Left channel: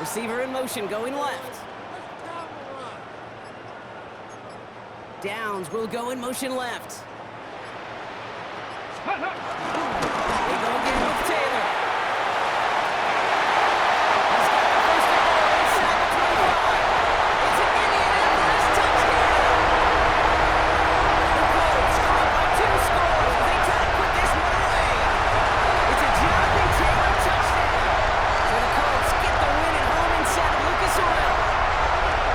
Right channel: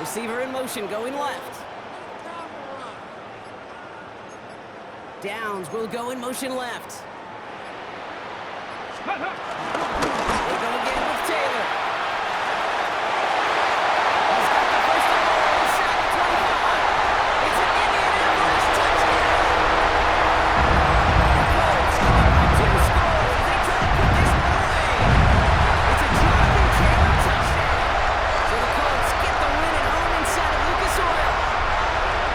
Receiver in motion, going left. Downs will go in motion left. They go again with Taylor. He's got the first and goal inside the 25. It's an Indianapolis touchdown. The Colts score by 2 scores as they try to put this one away. It's a Jonathan Taylor touchdown. So the Colts get the win at home inside of Lucas Oil.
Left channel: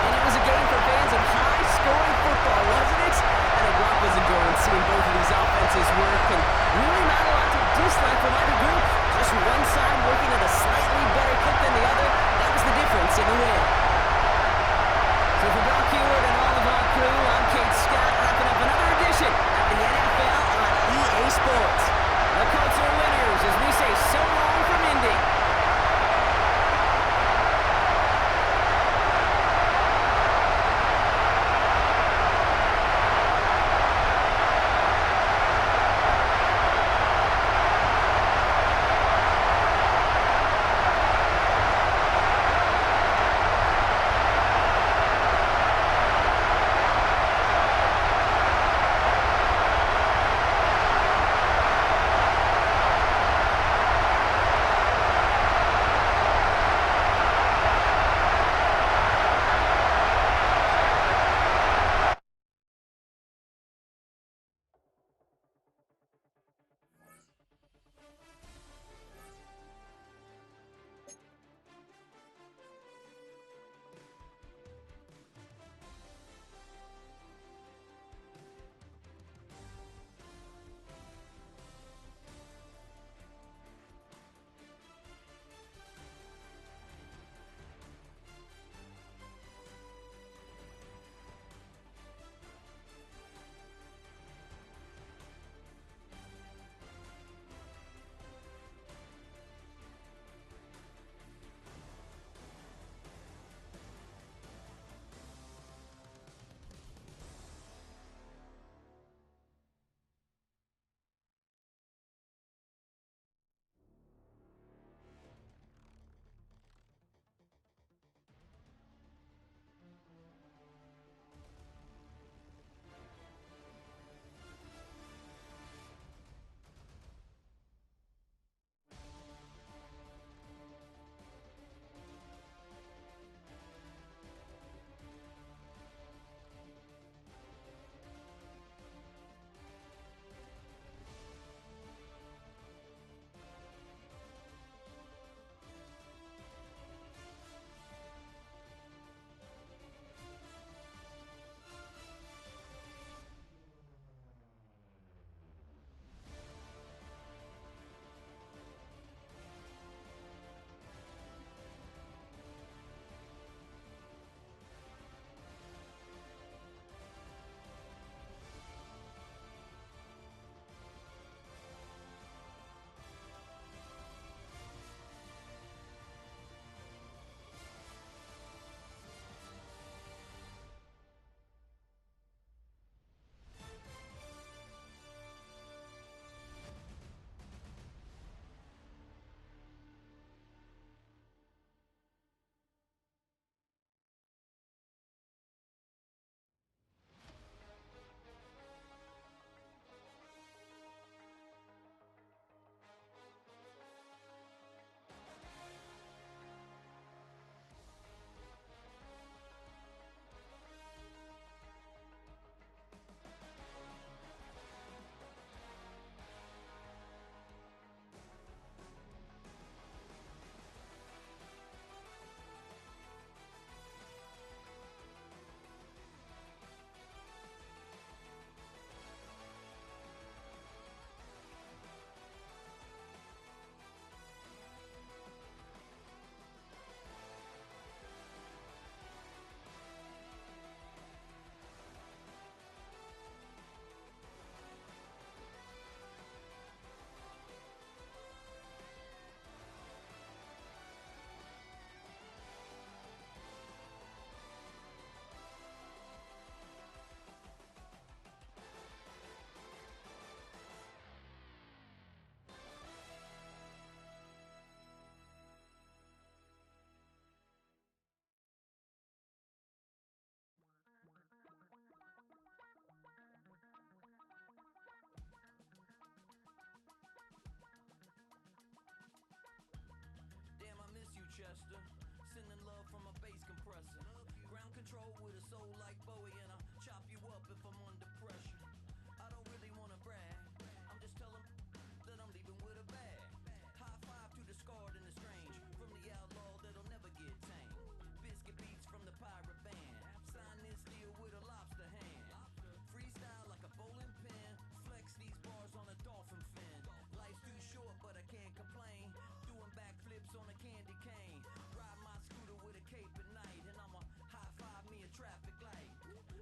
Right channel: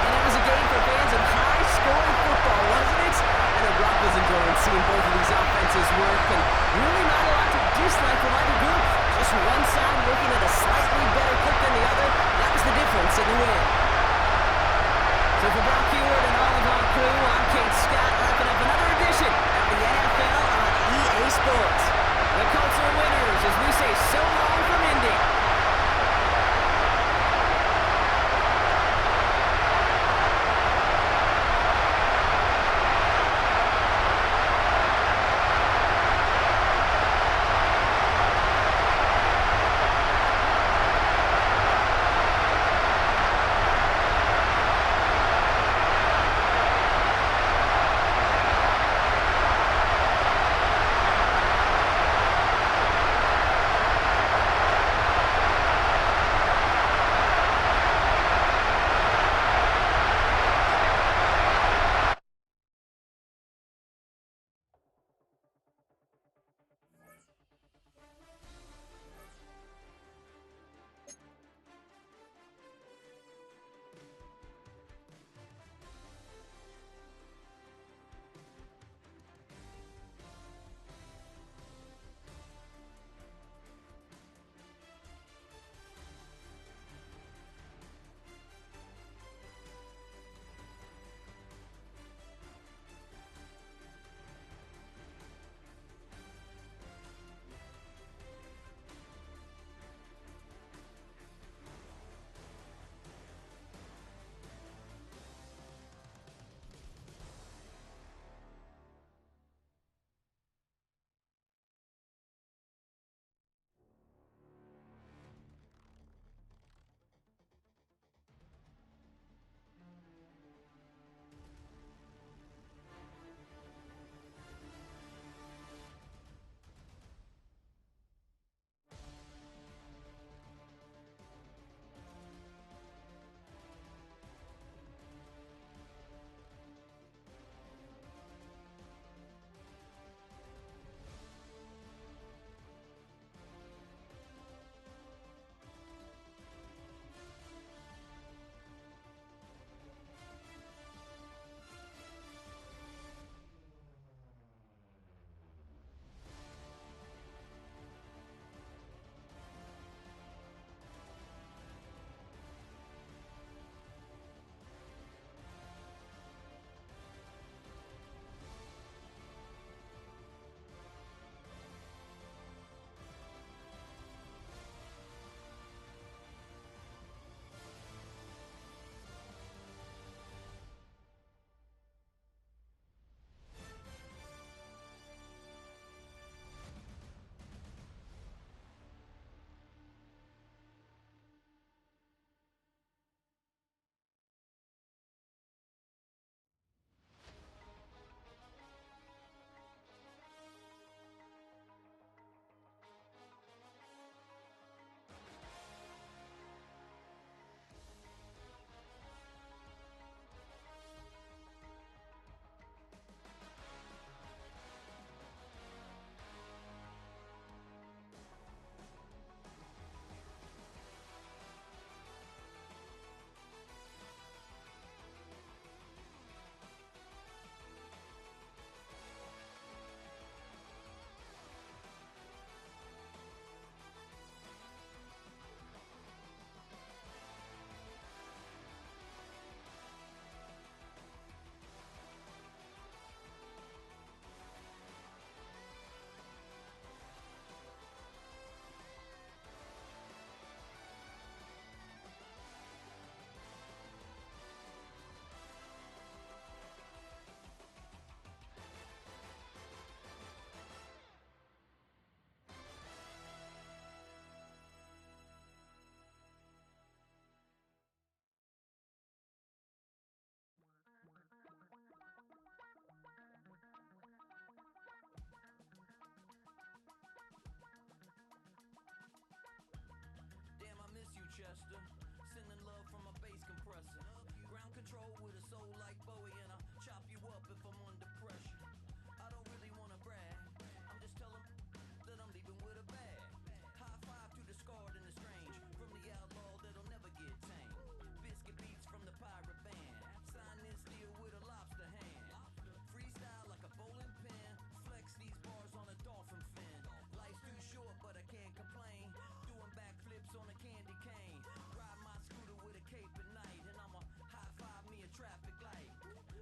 And it was a game for fans of high-scoring football, wasn't it? I know Brock was enjoying seeing both of these offenses work, and really not a lot to dislike from either group. Just one side working at a slightly better clip than the other. That was the difference in the win. So for Brock Heward and all of our crew, I'm Kate Scott, wrapping up another edition of the NFL on EA Sports. The Colts are winners as we say so long from Indy. control with a soul like Bowie, and I'll chop you up if I'm under pressure. I don't really wanna brag, I'm just telling that I'm leaving with a bag. High five to the scarred and the strange, from the outlaw that'll never get tamed. Biscuit beats from the pirate band, sign this deal with a lobster hand. Freestyle like a bowling pin, flex these bars on a dolphin fin. Life's too short but I can't complain, doing backflips on a candy cane. Ride my scooter with a cape at night, and I'ma high five me a traffic light.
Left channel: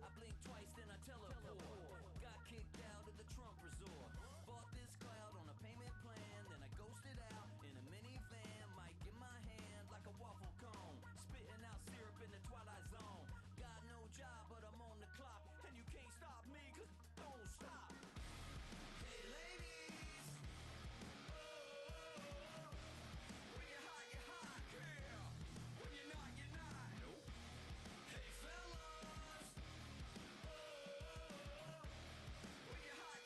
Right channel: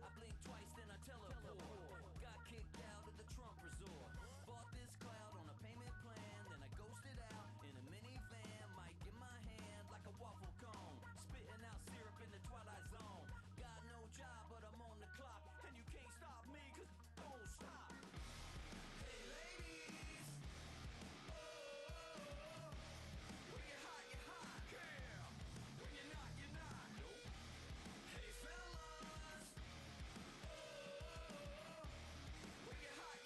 I blink twice then I teleport, got kicked out of the Trump resort. Bought this cloud on a payment plan, then I ghosted out in a minivan. Mic in my hand like a waffle cone, spitting out syrup in the twilight zone. Got no job but I'm on the clock, and you can't stop me cause don't stop. Hey ladies, oh, when you're hot, yeah. When you're not, you're not. Nope. Hey fellas, oh, when you're hot,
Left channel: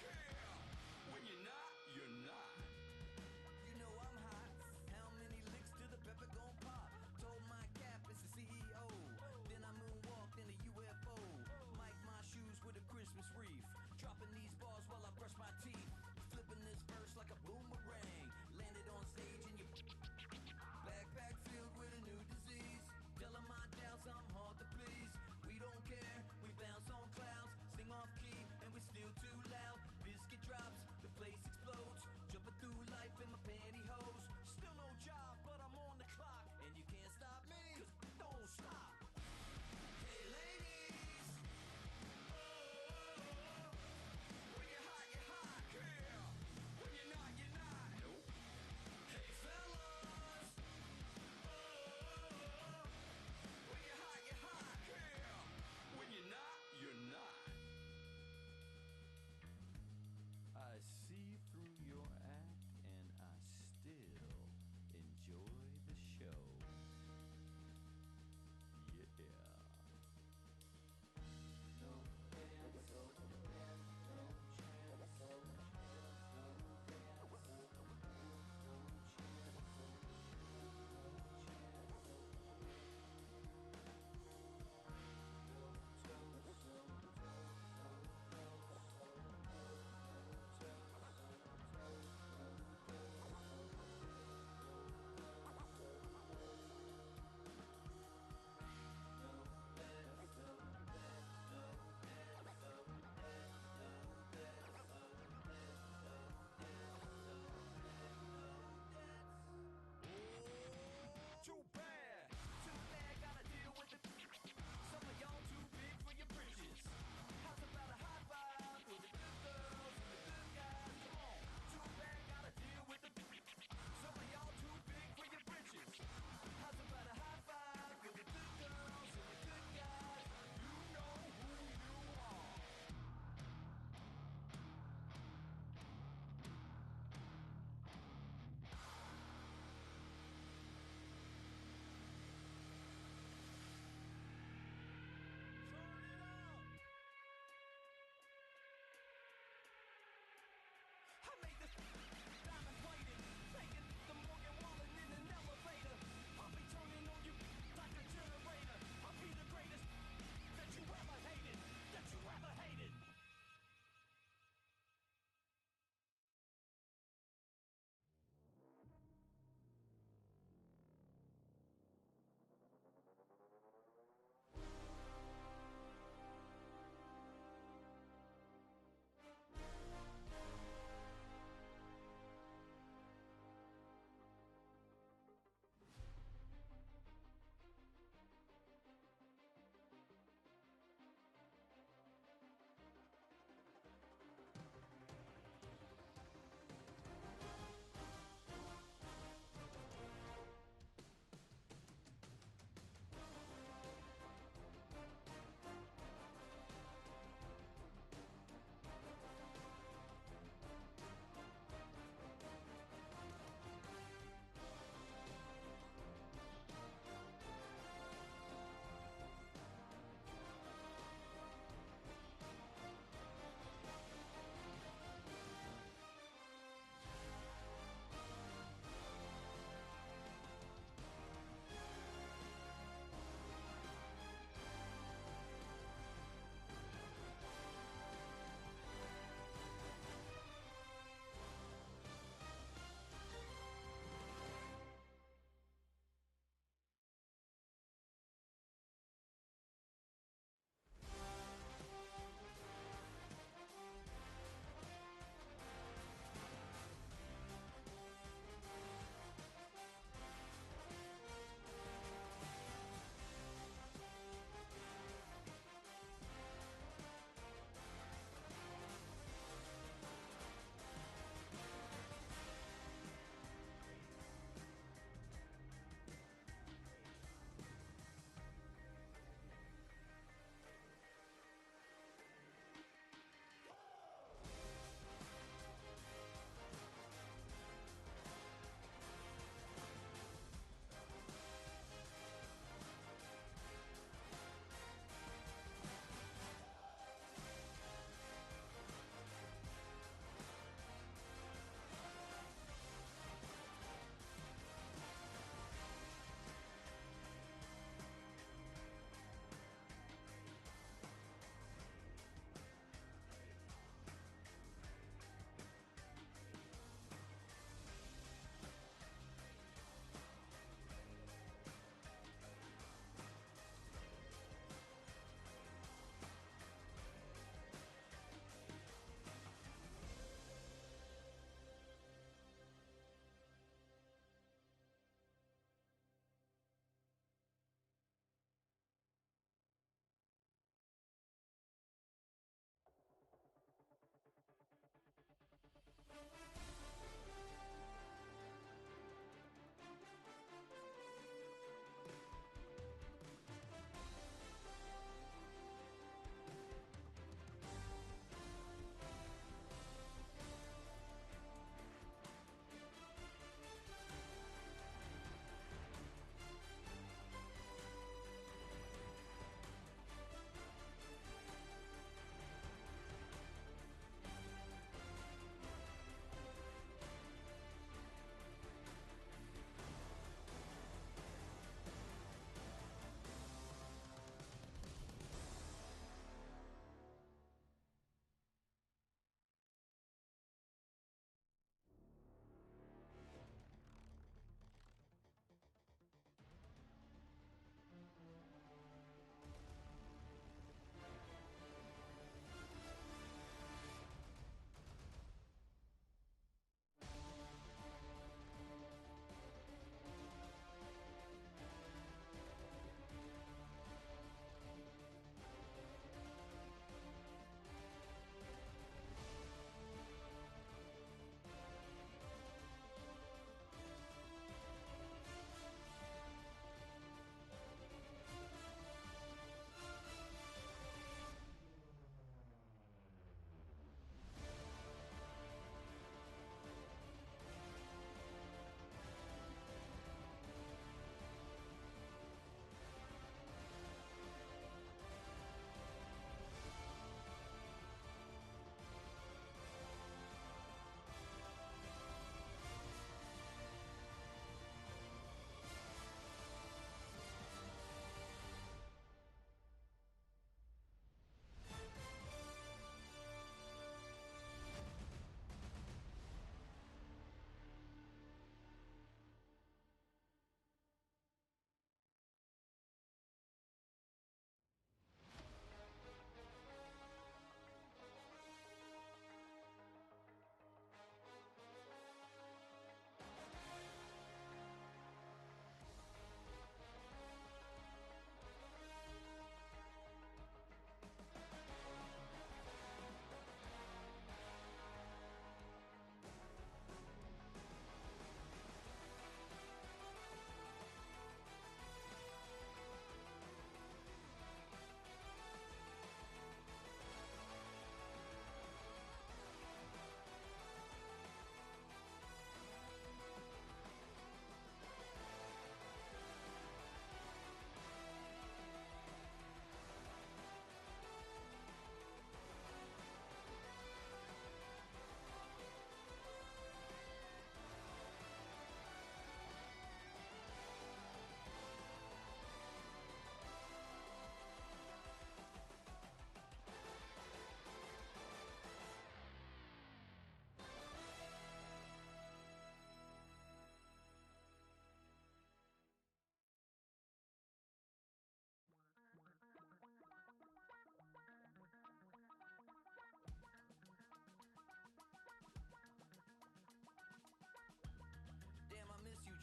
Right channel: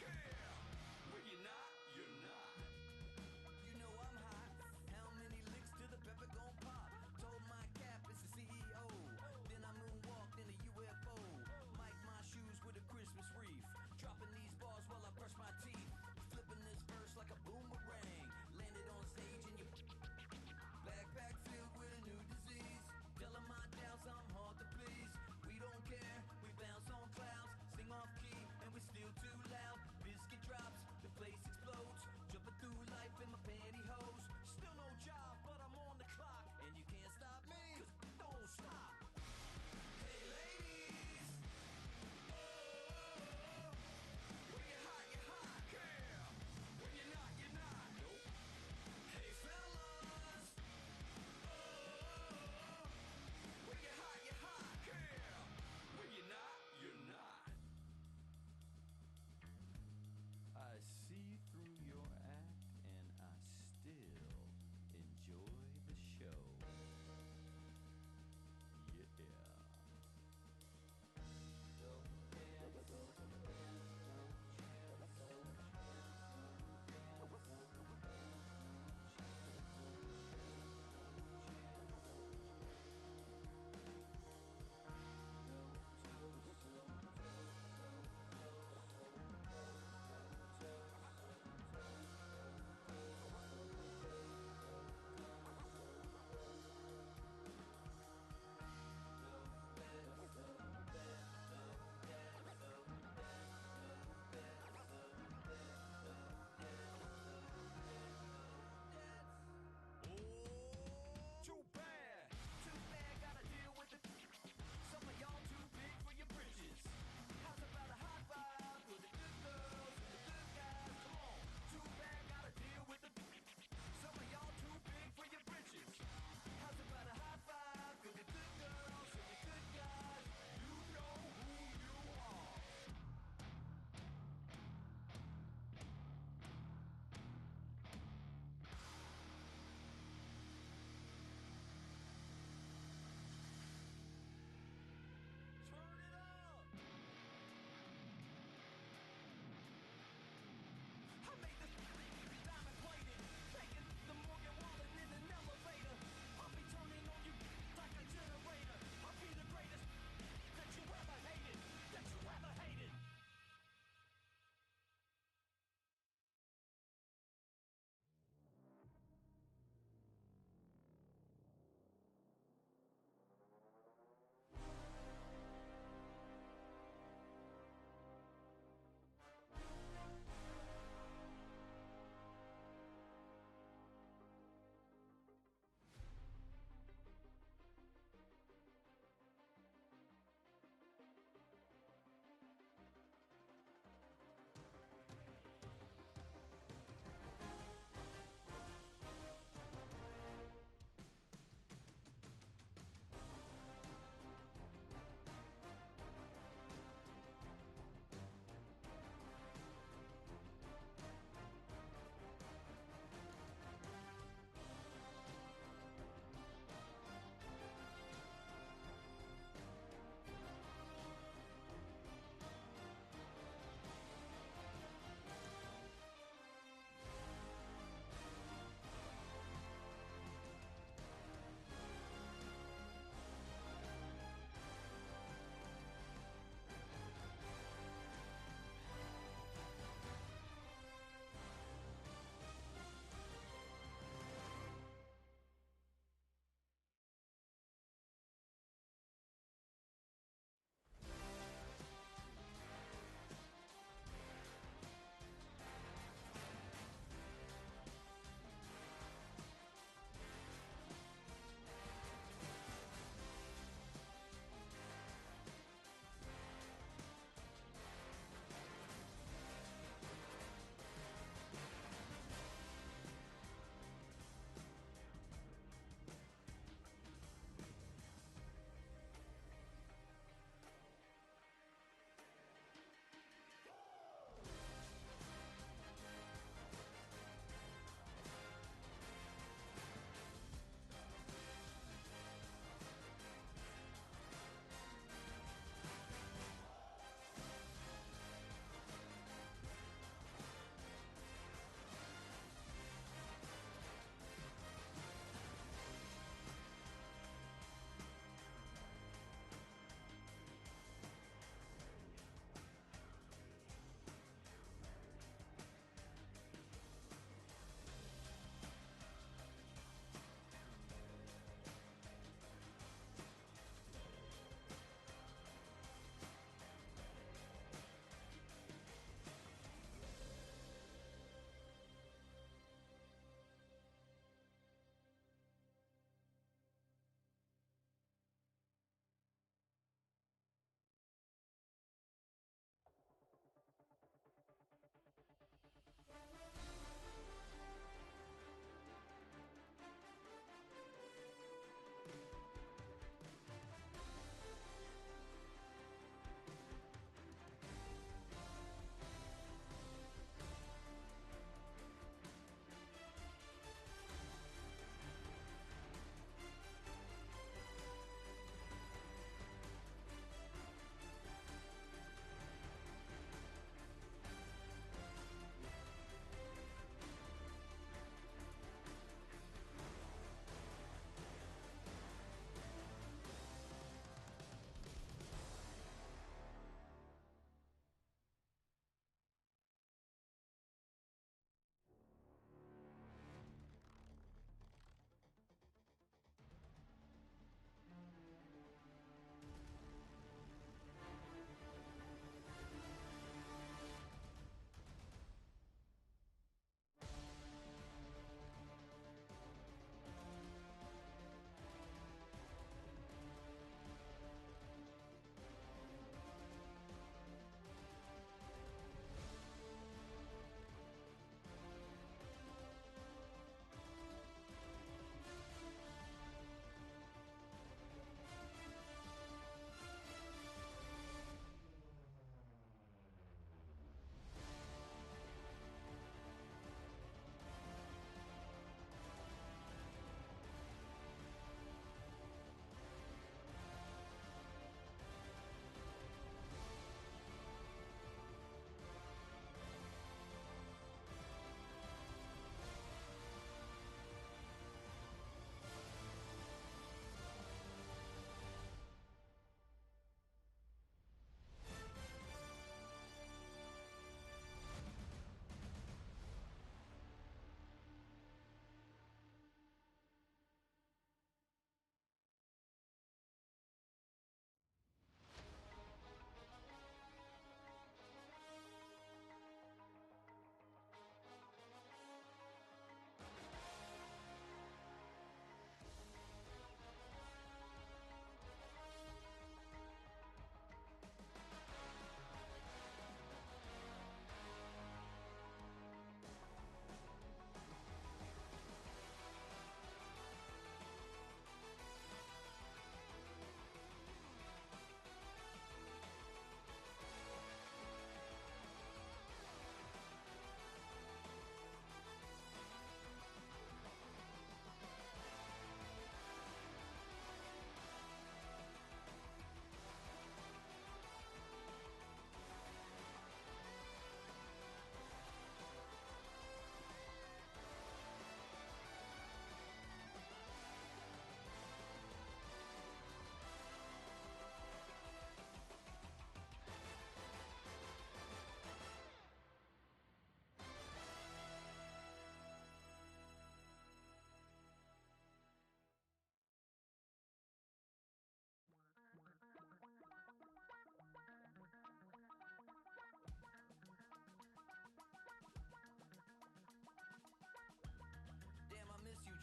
yeah. When you're not, you're not. You know I'm hot. How many licks till the pepper gon' pop? Told my cap it's the CEO. Then I moonwalked in a UFO. Mic my shoes with a Christmas wreath. Dropping these bars while I brush my teeth. Flipping this verse like a boomerang. Landed on stage in your backpack filled with a new disease. Telling my doubts I'm hard to please. We don't care, we bounce on clouds. Sing off key and we're still too loud. Biscuit drops, the place explodes. Jumping through life in my pantyhose. Still no job but I'm on the clock, and you can't stop me cause don't stop. Hey ladies, oh, when you're hot, yeah. When you're not, you're not. Nope. Hey fellas, oh, when you're hot, yeah. When you're not, you're not. I see through your act and I still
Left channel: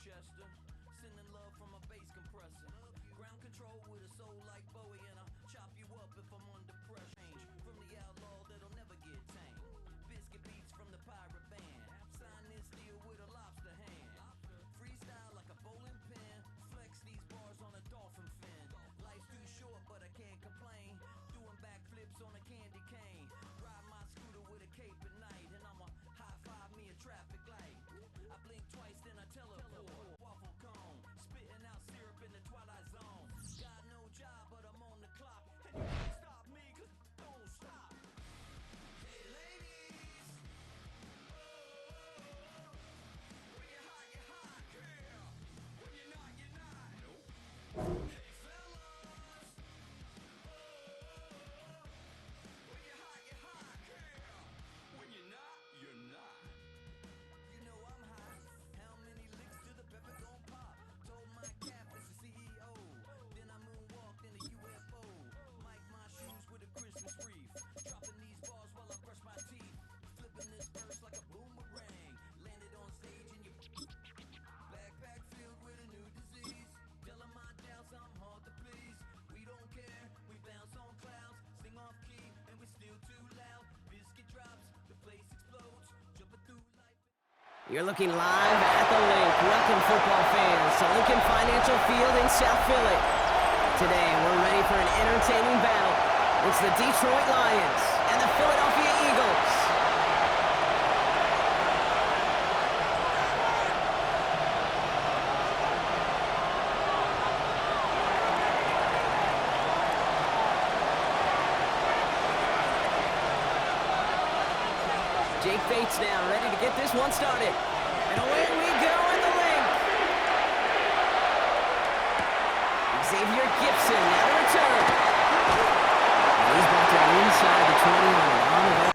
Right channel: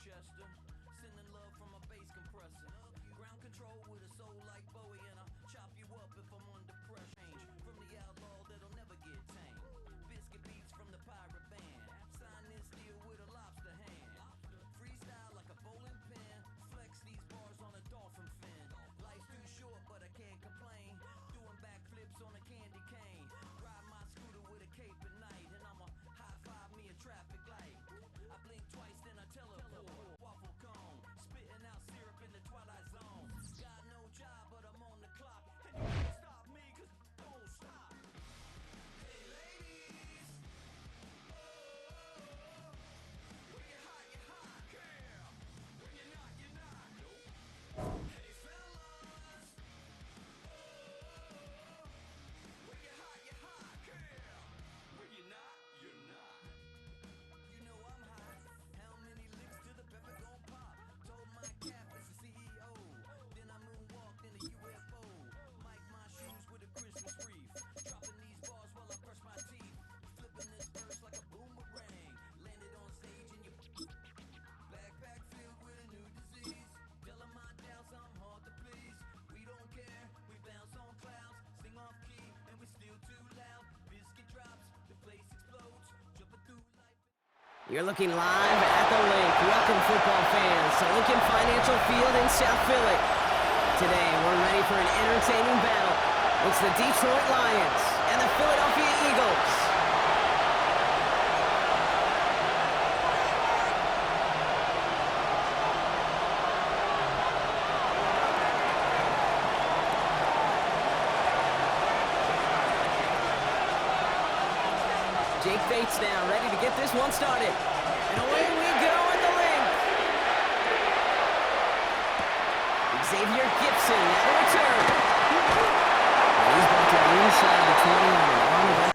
Winchester. Sending love from a bass compressor. Ground control with a soul like Bowie, and I'll chop you up if I'm under pressure. From the outlaw that'll never get tamed. Biscuit beats from the pirate band. Sign this deal with a lobster hand. Freestyle like a bowling pin. Flex these bars on a dolphin fin. Life's too short, but I can't complain. Doing backflips on a candy cane. Ride my scooter with a cape at night, and I'ma high five me a traffic light. I blink twice, then I teleport. Waffle cone, spitting out syrup in the twilight zone. Got no job, but I'm on the clock, and you can't stop me, 'cause don't stop. Hey ladies, oh, when you're hot, yeah. When you're not, you're not. Nope. Hey fellas, oh, when you're hot, yeah. When you're not, you're not. You know I'm hot. How many licks to the pepper gon' pop? Told my cap it's the CEO. Then I moonwalked in a UFO. Mike my shoes with a Christmas wreath. Dropping these bars while I brush my teeth. Flipping this verse like a boomerang. Landed on stage in your backpack filled with a new disease. Telling my doubts I'm hard to please. We don't care, we bounce on clouds. Sing off key and we still too loud. Biscuit drops, the place explodes. Jumping through life. You're looking live at the link. Welcome, football fans, to Lincoln Financial Field in South Philly. Today, we're ready for an entertaining battle. It's the Detroit Lions and the Philadelphia Eagles. Jake Bates now, ready to get this one started. And away we go at the link. Xavier Gibson now to return. And he's brought down inside the 20 on an on-event.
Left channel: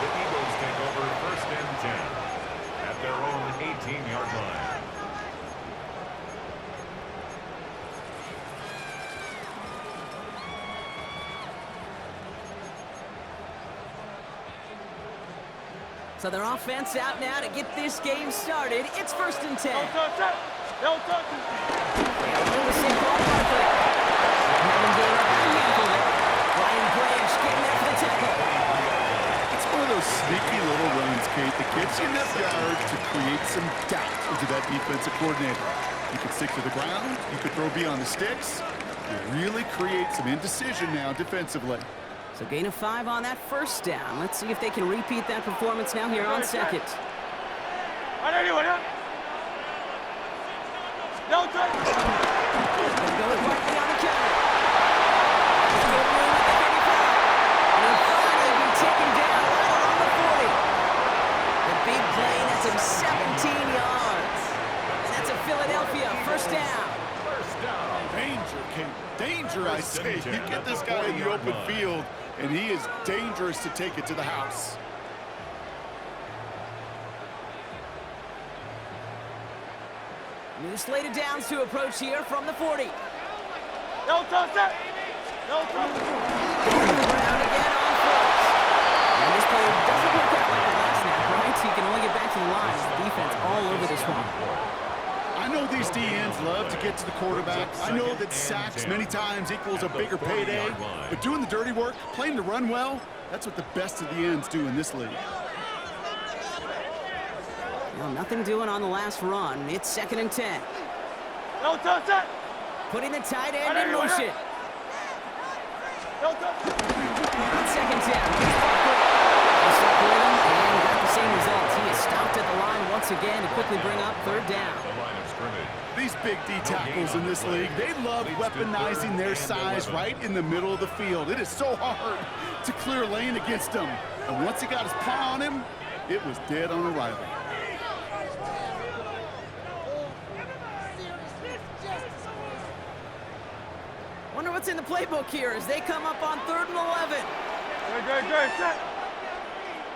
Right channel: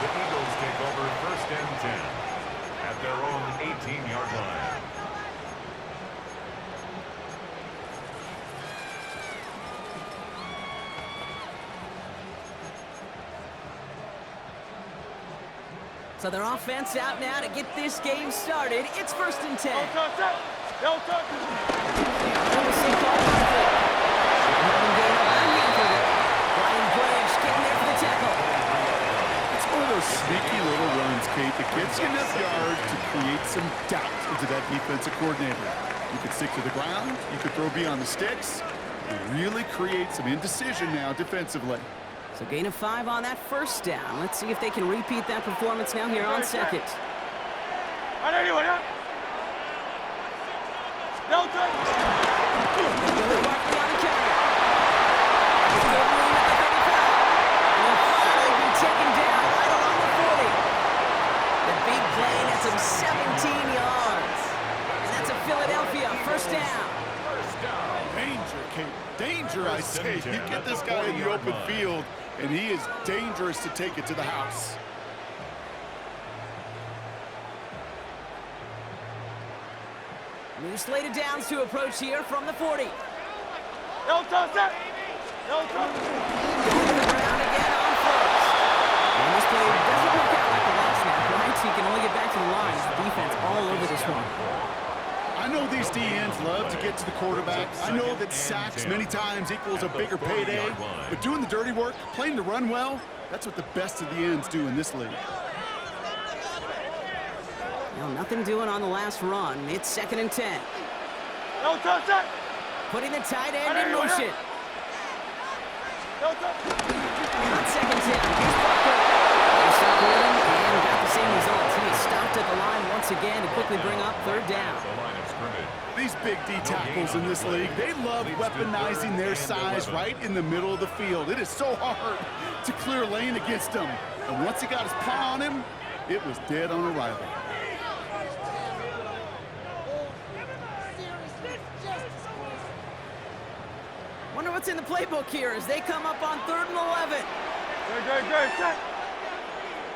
The Eagles take over 1st and 10 at their own 18-yard line. So their offense out now to get this game started. It's 1st and 10. Don't touch it. They are on the same ball quickly. Having gained up a handful there. Brian Branch getting there for the tackle. It's one of those sneaky little runs, Kate, that gets you enough yards to create some doubt into that defensive coordinator. You could stick to the ground. You could throw beyond the sticks. You really create some indecision now defensively. So gain of 5 on that 1st down. Let's see if they can repeat that performance now here on 2nd. Don't touch it. They go with Barkley on the counter. There's good room at the 35. And he'll finally be taken down right along the 40. The big play nets him 17 yards. And that's a Philadelphia 1st down. Danger, Kate. Danger, I say. You get this guy in the open field, and he is dangerous to take it to the house. New slate of downs to approach here from the 40. Don't touch it. No touch. Going to the ground again on first. And this play doesn't work out like the last snap, right? So you can only get back to the line as the defense all over this one. I know these DNs love to get to the quarterback. I know that sacks many times equals a bigger payday. But doing the dirty work, playing to run well, that's what the best of the ends do in this league. Well, nothing doing on the last run. It's 2nd and 10. No touch that. Putting the tight end in motion. No touch. On 2nd down, here's Barkley. They stuck with him and got the same results. He is stopped at the line once again to quickly bring up 3rd down. The line of scrimmage. These big D tackles in this league, they love weaponizing their size right in the middle of the field. It is so hard to clear lane against them. And once he got his paw on him, it was dead on arrival. Wonder what's in the playbook here as they come up on 3rd and 11. Good. Check.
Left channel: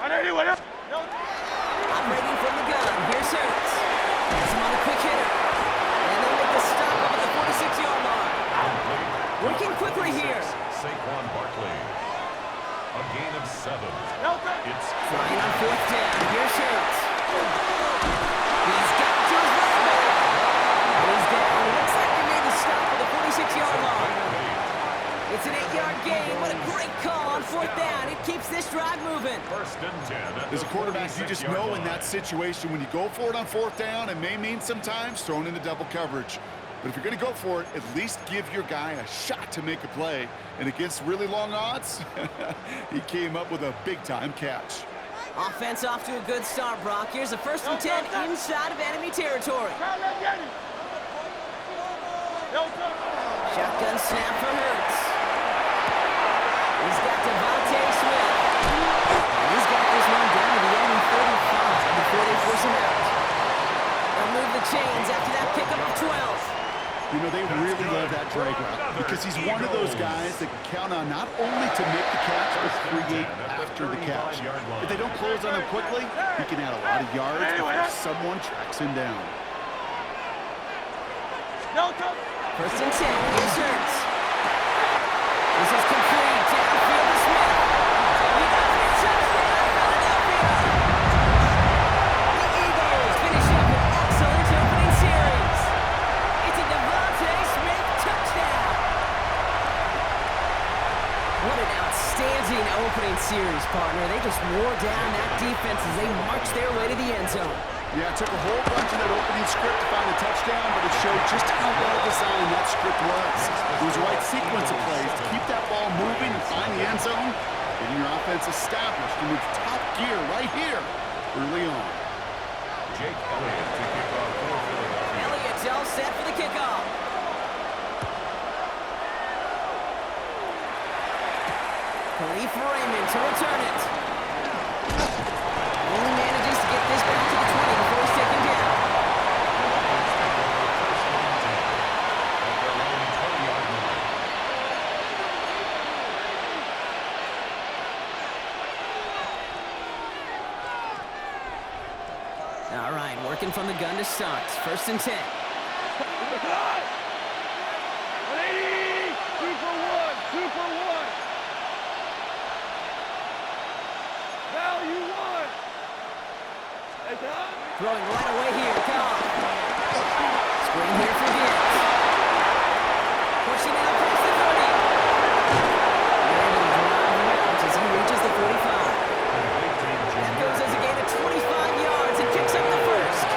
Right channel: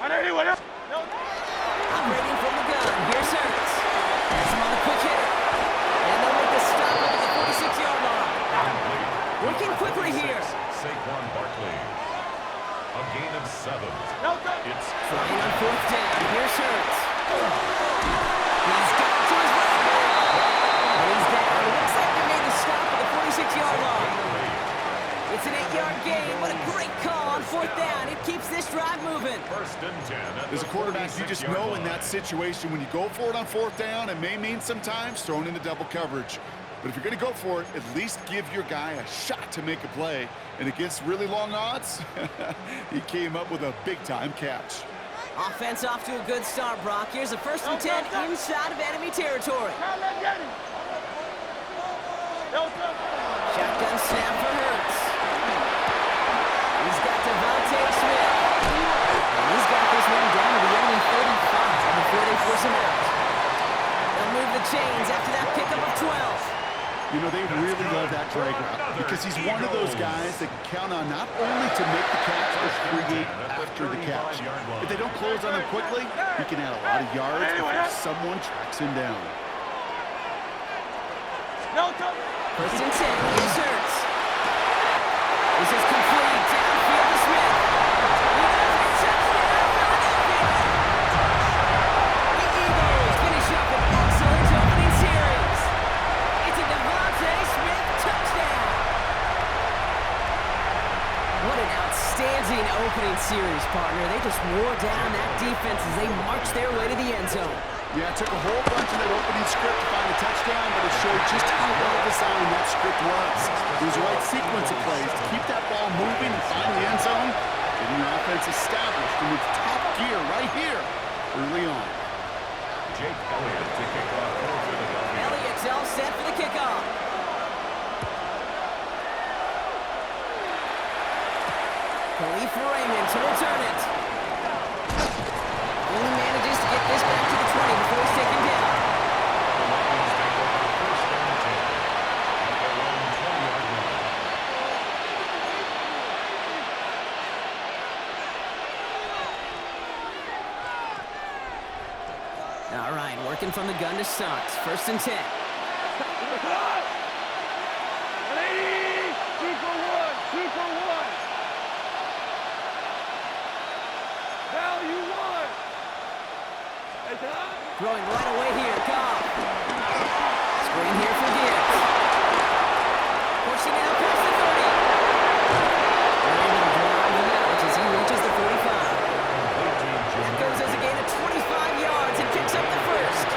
On anyone else. No. Operating from the gun, here's Hurts. Has him on the quick hitter. And they'll make the stop up at the 46-yard line. Working quickly here. Saquon Barkley. A gain of 7. No touch. It's Flying on 4th down, here's Hurts. He's got it to his running back. And he's down. It looks like they made the stop at the 46-yard line. It's an 8-yard gain. What a great call on 4th down. It keeps this drive moving. 1st and 10. As a quarterback, you just know in that situation when you go for it on 4th down, it may mean sometimes thrown into double coverage. But if you're going to go for it, at least give your guy a shot to make a play. And against really long odds, he came up with a big-time catch. Offense off to a good start, Brock. Here's a 1st and 10 inside of enemy territory. No touch. Shotgun snap for Hurts. He's got Devontae Smith. And he's got this one down to the enemy 35 before they force him out. They'll move the chains after that pickup of 12. You know, they really love that drag route because he's one of those guys that can count on not only to make the catch, but create after the catch. If they don't close on him quickly, he can add a lot of yards before someone tracks him down. No touch. 1st and 10, here's Hurts. This is complete, downfield to Smith. He does it, touchdown, Philadelphia! The Eagles finish up an excellent opening series. It's a Devontae Smith touchdown. What an outstanding opening series, partner. They just wore down that defense as they marched their way to the end zone. Yeah, it took a whole bunch of that opening script to find a touchdown, but it showed just how well designed that script was. It was the right sequence of plays to keep that ball moving and find the end zone, getting your offense established in its top gear right here early on. Jake Elliott to kick off for Philadelphia. Elliott's all set for the kickoff. Khalif Raymond to return it. Only manages to get this back to the 20 before he's taken down. The Lions take over 1st and 10 at their own 20-yard line. All right, working from the gun to start. 1st and 10. 180. 2 for 1. 2 for 1. Value 1. Hey, Tom. Throwing right away here. Cobb. Screen here for Gibbs. Pushing it up past the 30. They're able to drive him out as he reaches the 45. That goes as a gain of 25 yards and picks up the 1st.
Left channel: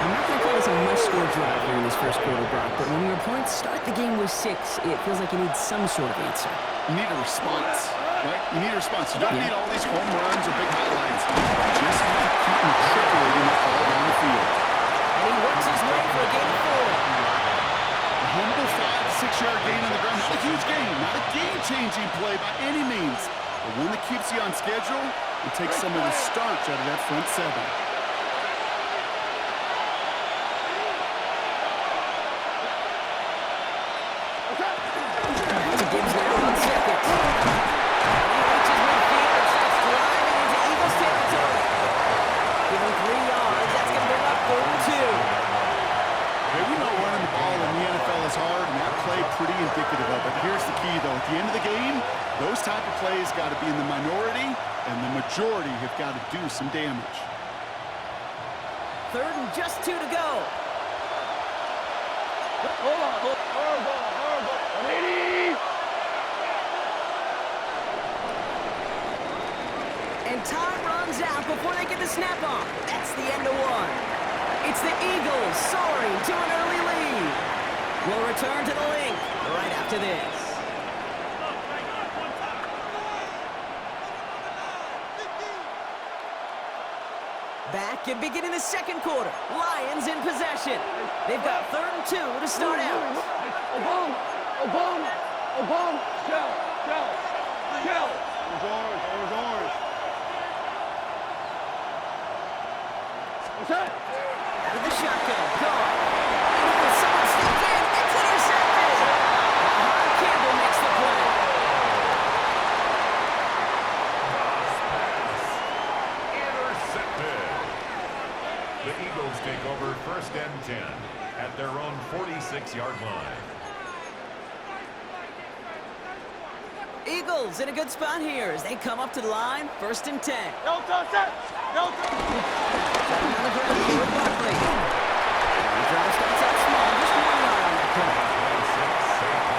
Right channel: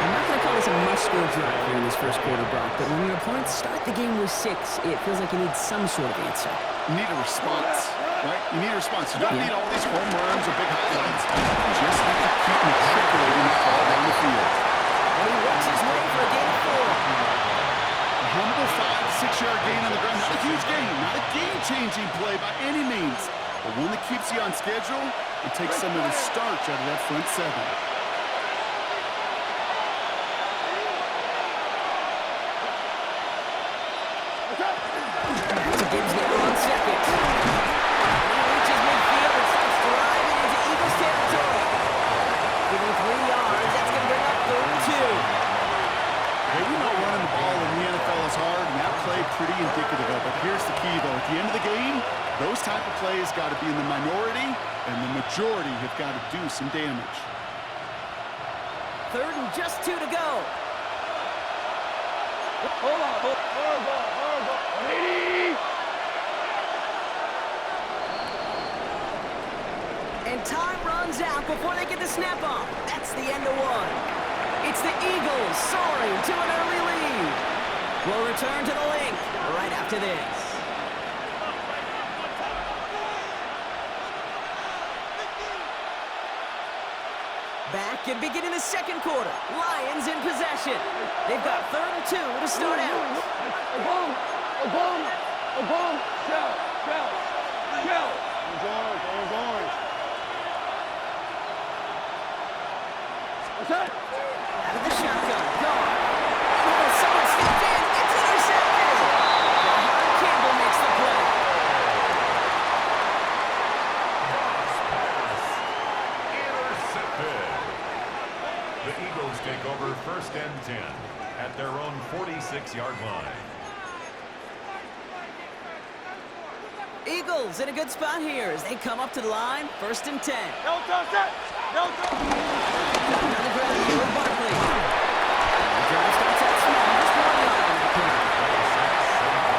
I'm not going to call this a must-score drive here in this 1st quarter, Brock, but when your opponents start the game with 6, it feels like you need some sort of answer. You need a response, right? You need a response. You don't need all these home runs or big highlights. You just need to keep matriculating the ball down the field. And he works his way for a gain of 4. A humble 5 to 6 yard gain on the ground. Not a huge gain, not a game-changing play by any means, but one that keeps you on schedule and takes some of the starch out of that front 7. To Gibbs now on 2nd. And he reaches midfield and starts driving into Eagles territory. Give him 3 yards. That's going to bring up 3rd and 2. Hey, we know running the ball in the NFL is tackles hard, and that play pretty indicative of it. Here's the key, though. At the end of the game, those type of plays got to be in the minority, and the majority have got to do some damage. 3rd and just 2 to go. Hold on. Hard ball. 180. And time runs out before they get the snap off. That's the end of 1. It's the Eagles soaring to an early lead. We'll return to the link right after this. Back and beginning the 2nd quarter. Lions in possession. They've got 3rd and 2 to start out. Obama. Shell. Orange. What's that? Out of the shotgun. Gone. Oh, someone stepped in. It's intercepted. Jahan Campbell makes the play. Intercepted. The Eagles take over 1st and 10 at their own 46-yard line. Eagles in a good spot here as they come up to the line. 1st and 10. No touch. Got another ground here with Barkley. The drive starts out small, just 1 yard on that play.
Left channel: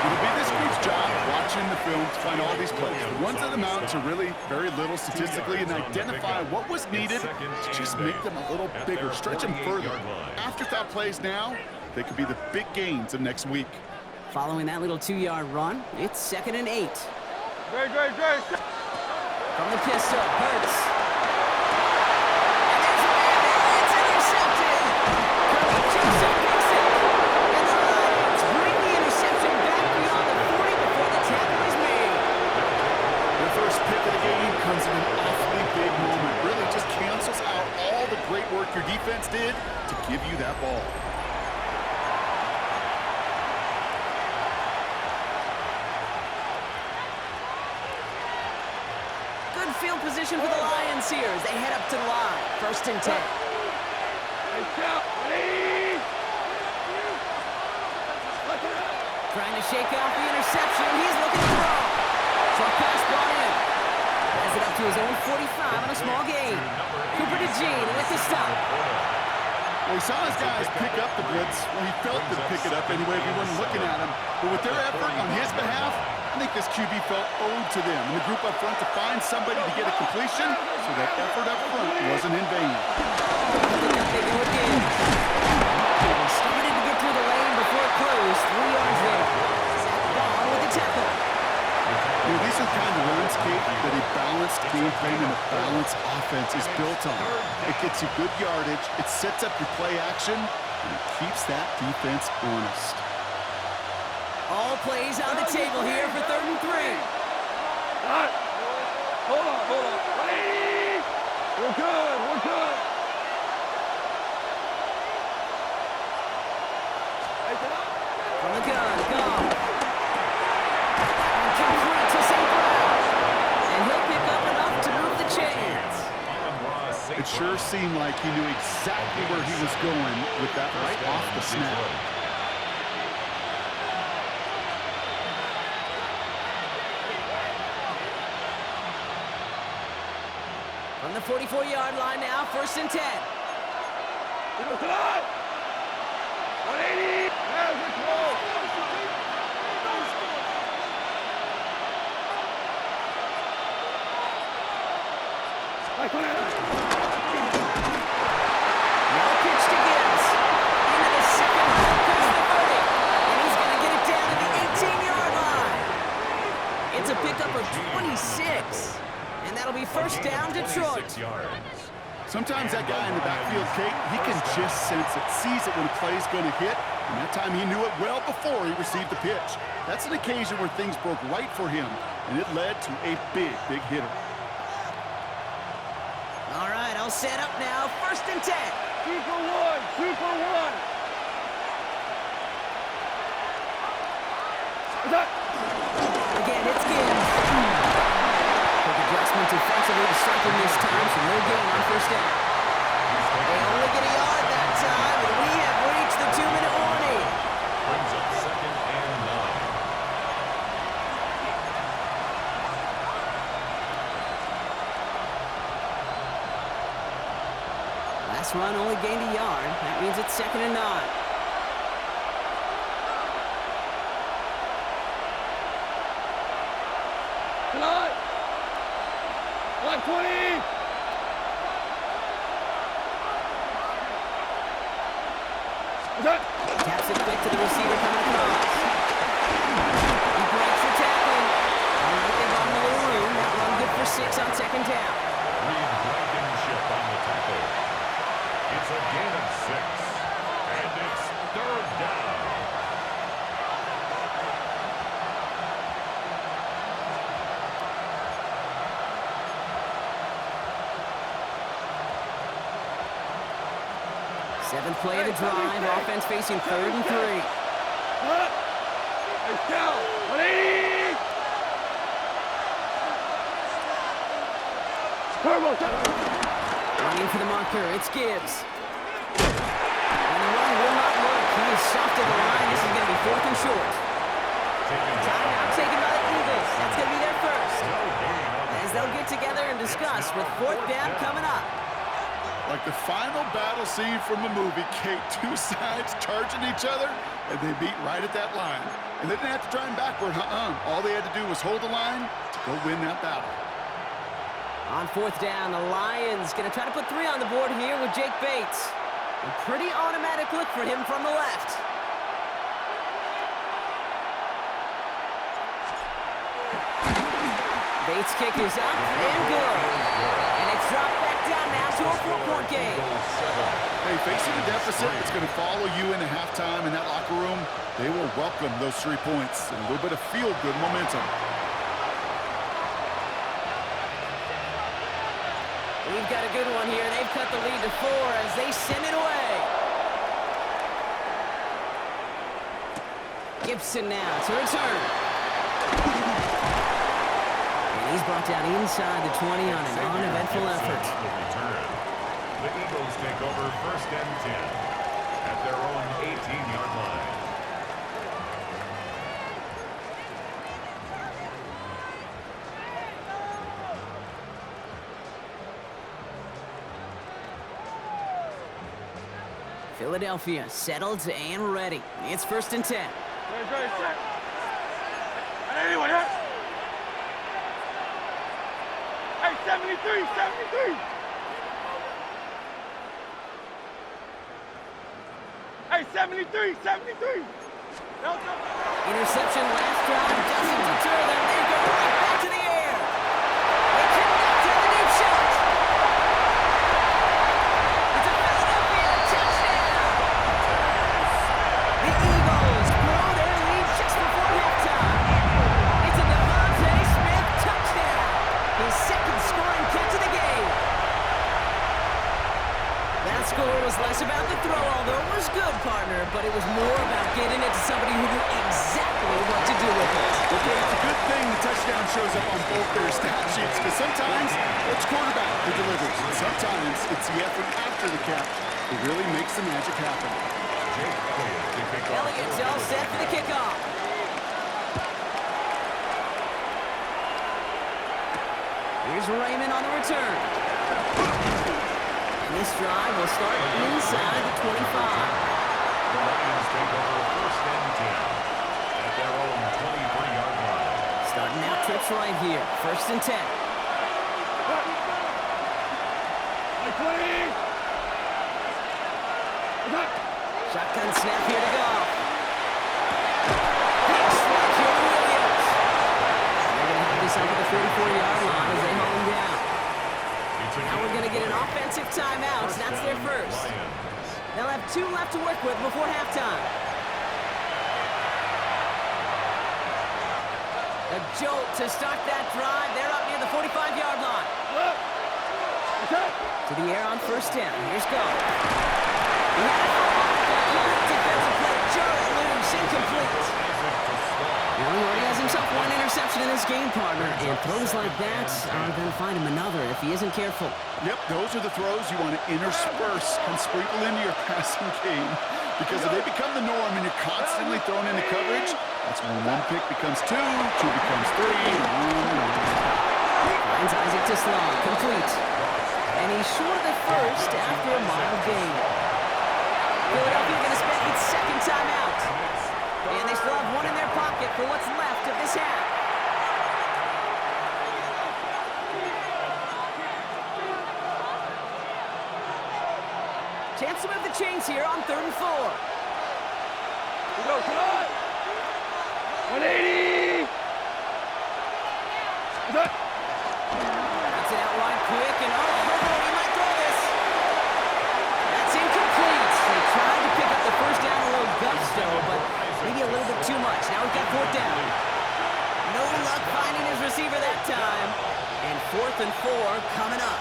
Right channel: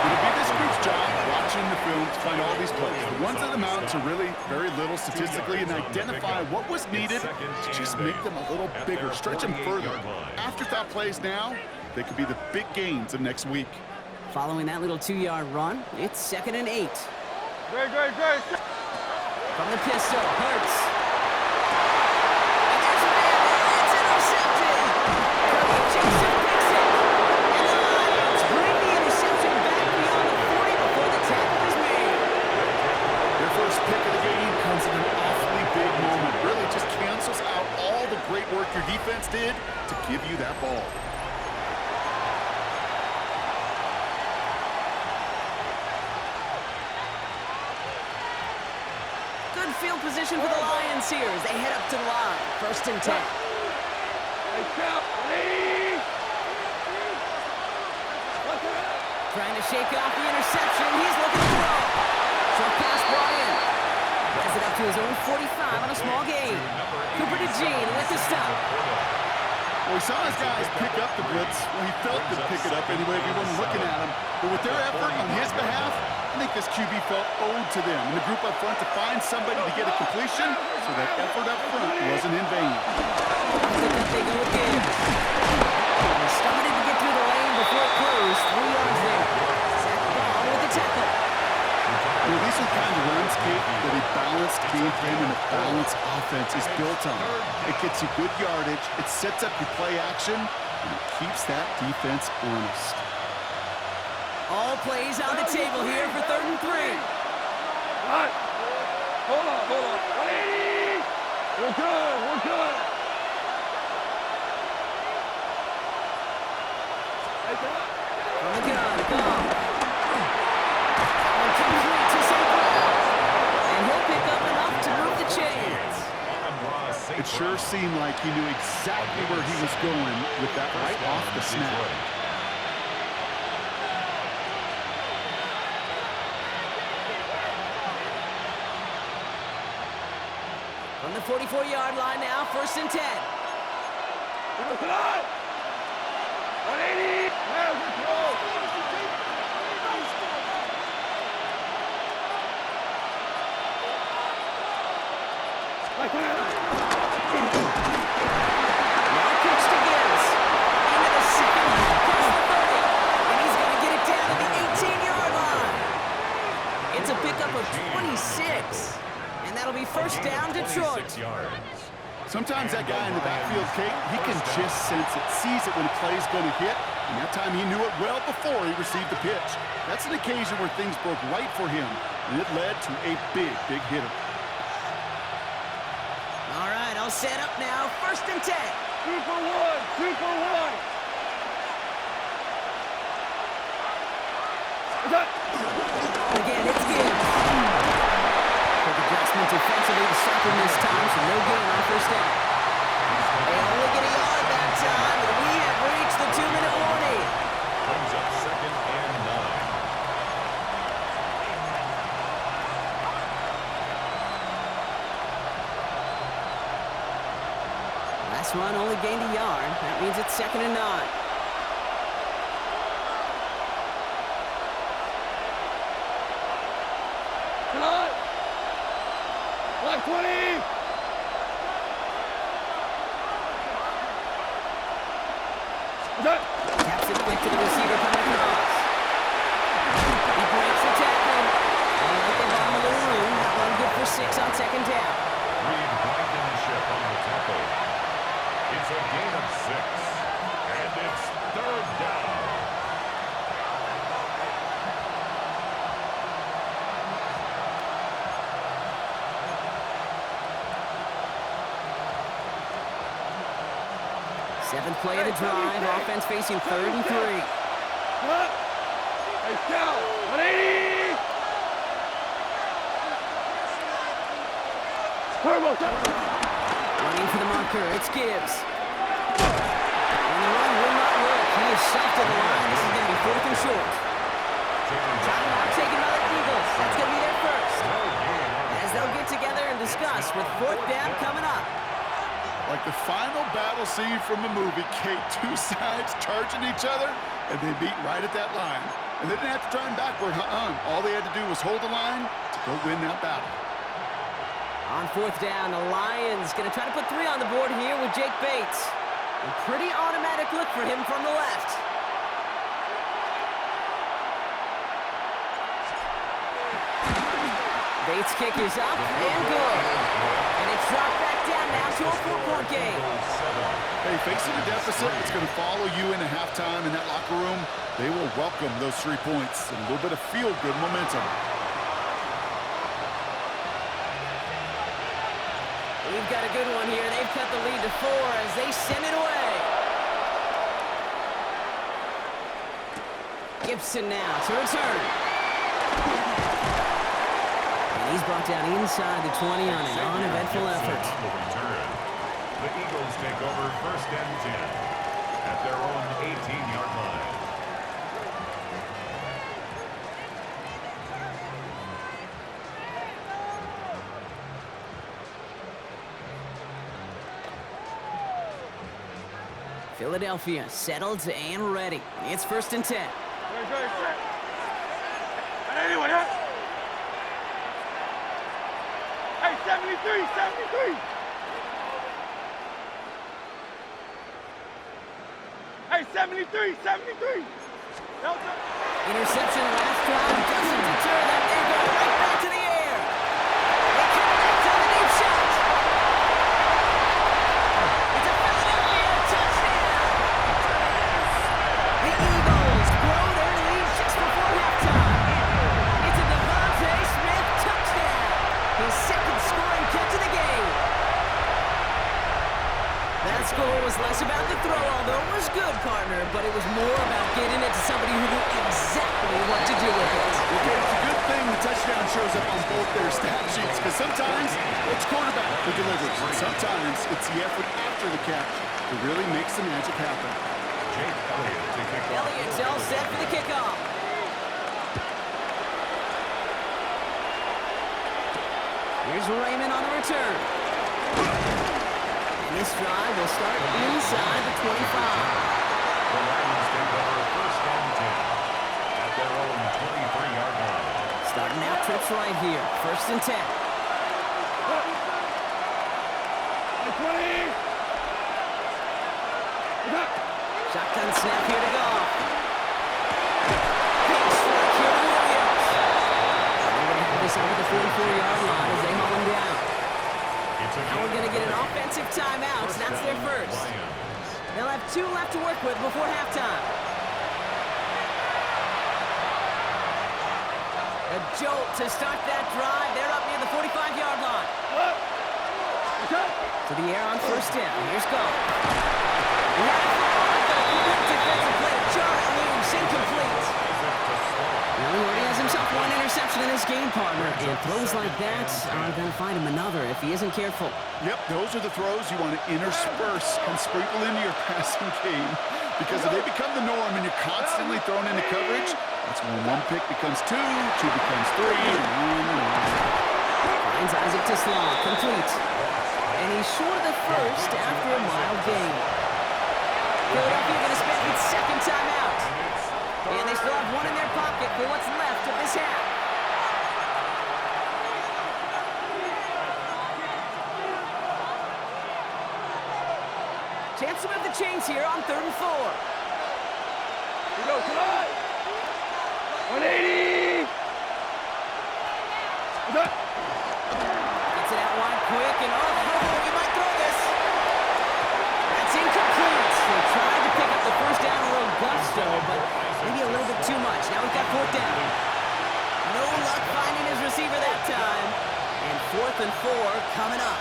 It'll be this group's job watching the film to find all these plays. The ones that amount to really very little statistically and identify what was needed to just make them a little bigger, stretch them further. Afterthought plays now, they could be the big gains of next week. Following that little 2-yard run, it's 2nd and 8. Great. From the pistol, Hurts. And there's a man there. It's intercepted. Kirby Joseph picks it. And the Lions bring the interception back beyond the 40 before the tackle is made. Their first pick of the game comes in an awfully big moment. Really just cancels out all the great work your defense did to give you that ball. Good field position for the Lions here as they head up to the line. 1st and 10. Trying to shake off the interception. He's looking to throw. Short pass brought in. Has it up to his own 45 on a small gain. Cooper DeJean with the stop. Well, he saw his guys pick up the blitz. Well, he felt them pick it up anyway if he wasn't looking at him. But with their effort on his behalf, I think this QB felt owed to them and the group up front to find somebody to get a completion, so that effort up front wasn't in vain. They go again. They started to get through the lane before it closed. 3 yards there. Zach Bond with the tackle. You know, these are the kind of runs, Kate, that a balanced game plan and a balanced offense is built on. It gets you good yardage, it sets up your play action, and it keeps that defense honest. All plays on the table here for 3rd and 3. Hold on. 180. We're good. From the gun, gone. That one complete to St. Brown. And he'll pick up enough to move the chains. It sure seemed like he knew exactly where he was going with that right off the snap. From the 44-yard line now, 1st and 10. 180. Now good throw. Now pitch to Gibbs. Into the 2nd half, past the 30. And he's going to get it down to the 18-yard line. It's a pickup of 26. And that'll be 1st down, Detroit. Sometimes that guy in the backfield, Kate, he can just sense it, sees it when a play's going to hit, and that time he knew it well before he received the pitch. That's an occasion where things broke right for him, and it led to a big hitter. All right, I'll set up now. 1st and 10. Super one. Again, it's Gibbs. Quick adjustment defensively to stop him this time, so no gain on 1st down. They only get a yard that time, and we have reached the 2-minute warning. Brings up 2nd this run only gained a yard. That means it's 2nd and 9. Tonight. Black 20. Taps it quick to the receiver coming across. He breaks the tackle. All right, they bought him a little room. That run good for 6 on 2nd down. Reed Blankenship on the tackle. It's a gain of 6. And it's 3rd down. Seventh play of the drive. Offense facing 3rd and 3. Hey, Scout. 180. Turbo. Running for the marker. It's Gibbs. And the run will not work. He is shot to the line. This is going to be 4th and short. Timeout taken by the Eagles. That's going to be their first. As they'll get together and discuss with 4th down coming up. Like the final battle scene from a movie, Kate, 2 sides charging each other, and they meet right at that line. And they didn't have to drive backward, All they had to do was hold the line to go win that battle. On 4th down, the Lions going to try to put 3 on the board here with Jake Bates. A pretty automatic look for him from the left. Bates' kick is up and good. And it's dropped back down now to a 4-point game. Hey, facing a deficit, it's going to follow you into halftime in that locker room. They will welcome those 3 points and a little bit of feel-good momentum. We've got a good one here. They've cut the lead to 4 as they send it away. Gibson now to return. And he's brought down inside the 20 on an uneventful effort. The Eagles take over 1st and 10 at their own 18-yard line. Philadelphia settled and ready. It's 1st and 10. Anyone, huh? Hey, 73, 73. Hey, 73, 73. Interception last drive doesn't deter them. They go right back to the air. They connect on the deep shot. It's a Philadelphia touchdown. The Eagles grow their lead just before halftime. It's a Devontae Smith touchdown. His 2nd scoring catch of the game. That score was less about the throw, although it was good, partner, but it was more about getting it to somebody who knew exactly what to do with it. Okay, it's a good thing the touchdown shows up on both their stat sheets, because sometimes it's quarterback who delivers. Sometimes it's the effort after the catch that really makes the magic happen. Jake Elliott to kick off. Elliott's all set for the kickoff. Here's Raymond on the return. And this drive will start inside the 25. The Lions take over 1st and 10 at their own 23-yard line. Starting out trips right here. 1st and 10. Like 20. Shotgun snap here to go. Big strike here to Williams. And they're going to have this up at the 44-yard line as they haul him down. Now we're going to get an offensive timeout. That's their first. They'll have 2 left to work with before halftime. A jolt to start that drive. They're up near the 45-yard line. To the air on 1st down. Here's Go. He had it for a moment, but a quick defensive play to jar it loose. Incomplete. Now he already has himself 1 interception in this game, partner, and throws like that are going to find him another if he isn't careful. Yep, those are the throws you want to intersperse and sprinkle into your passing game, because if they become the norm and you're constantly thrown into coverage, that's when 1 pick becomes 2, 2 becomes 3, and on and on. Finds Isaac to Slaw, complete. And he's short of the first after a mild gain. Philadelphia going to spend its second timeout. And they still have one in their pocket for what's left of this half. Chance to move the chains here on 3rd and 4. Here we go, come on! 180! Gets it out wide quick, and he might throw this. That's incomplete. They tried to pick up the first down a little gusto, but maybe a little bit too much. Now we've got 4th down. No luck finding his receiver that time. And 4th and 4 coming up.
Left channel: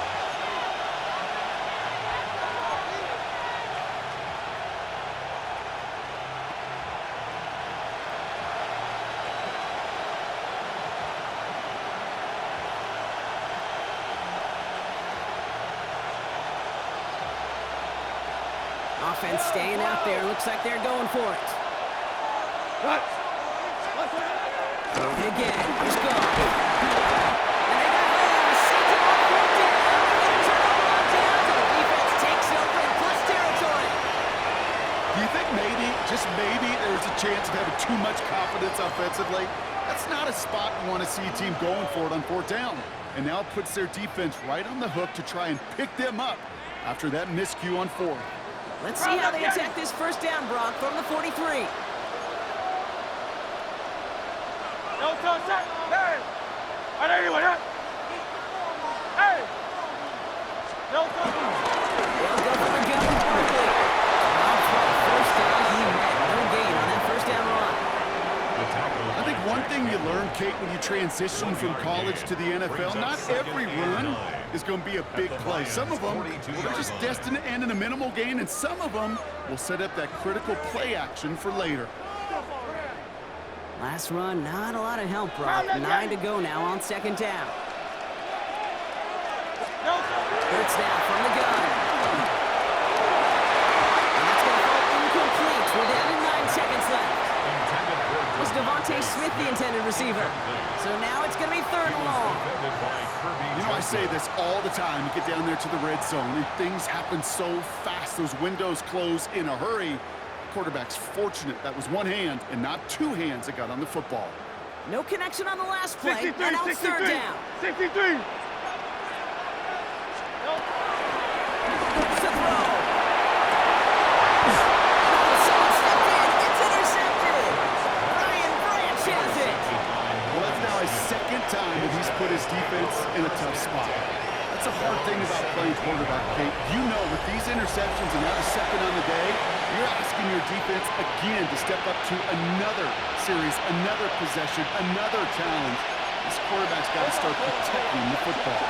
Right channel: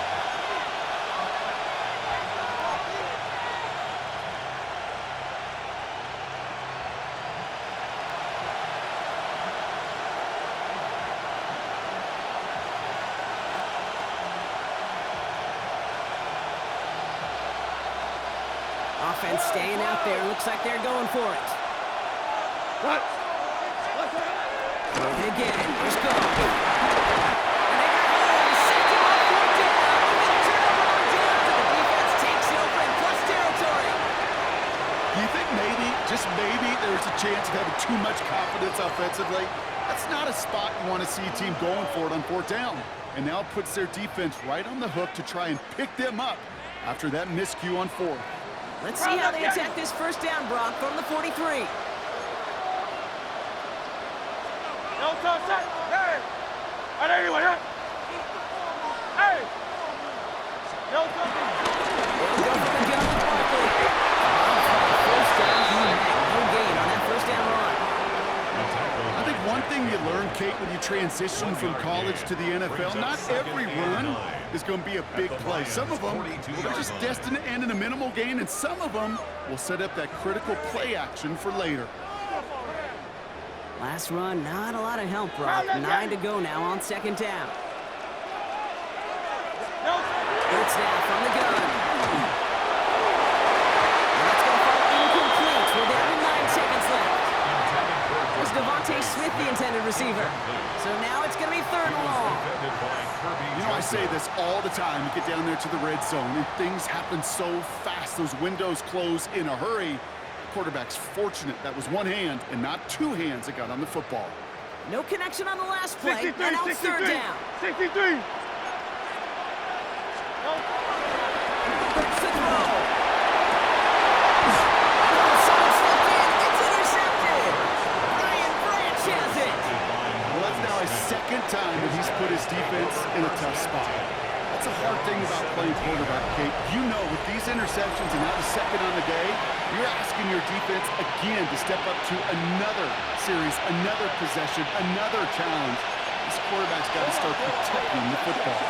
Offense staying out there. Looks like they're going for it. And again, here's Goff. And they got home. Sent him on 4th down. We get a turnover on downs, and the defense takes over in plus territory. Do you think maybe, just maybe, there's a chance of having too much confidence offensively? That's not a spot you want to see a team going for it on 4th down. And now it puts their defense right on the hook to try and pick them up after that miscue on 4th. Let's see how they attack this first down, Brock, from the 43. No touch, hey! Right anyone, hey! No touch! They'll go for the gun with Barkley. First down, he met no gain on that first down run. I think one thing you learn, Kate, when you transition from college to the NFL, not every run is going to be a big play. Some of them, they're just destined to end in a minimal gain, and some of them will set up that critical play action for later. Last run, not a lot of help, Brock. 9 to go now on 2nd down. Third snap from the gun. And that's going to fall incomplete. We're down to 9 seconds left. Was Devontae Smith the intended receiver? So now it's going to be 3rd and long. You know, I say this all the time. You get down there to the red zone, and things happen so fast. Those windows close in a hurry. The quarterback's fortunate that was one hand and not 2 hands that got on the football. No connection on the last play, 63, and now it's 3rd down. 63! First to throw. Someone stepped in. It's intercepted. Brian Branch has it. Well, that's now his 2nd time that he's put his defense in a tough spot. That's a hard thing about playing quarterback, Kate. You know, with these interceptions and now the 2nd on the day, you're asking your defense again to step up to another series, another possession, another challenge. This quarterback's got to start protecting the football.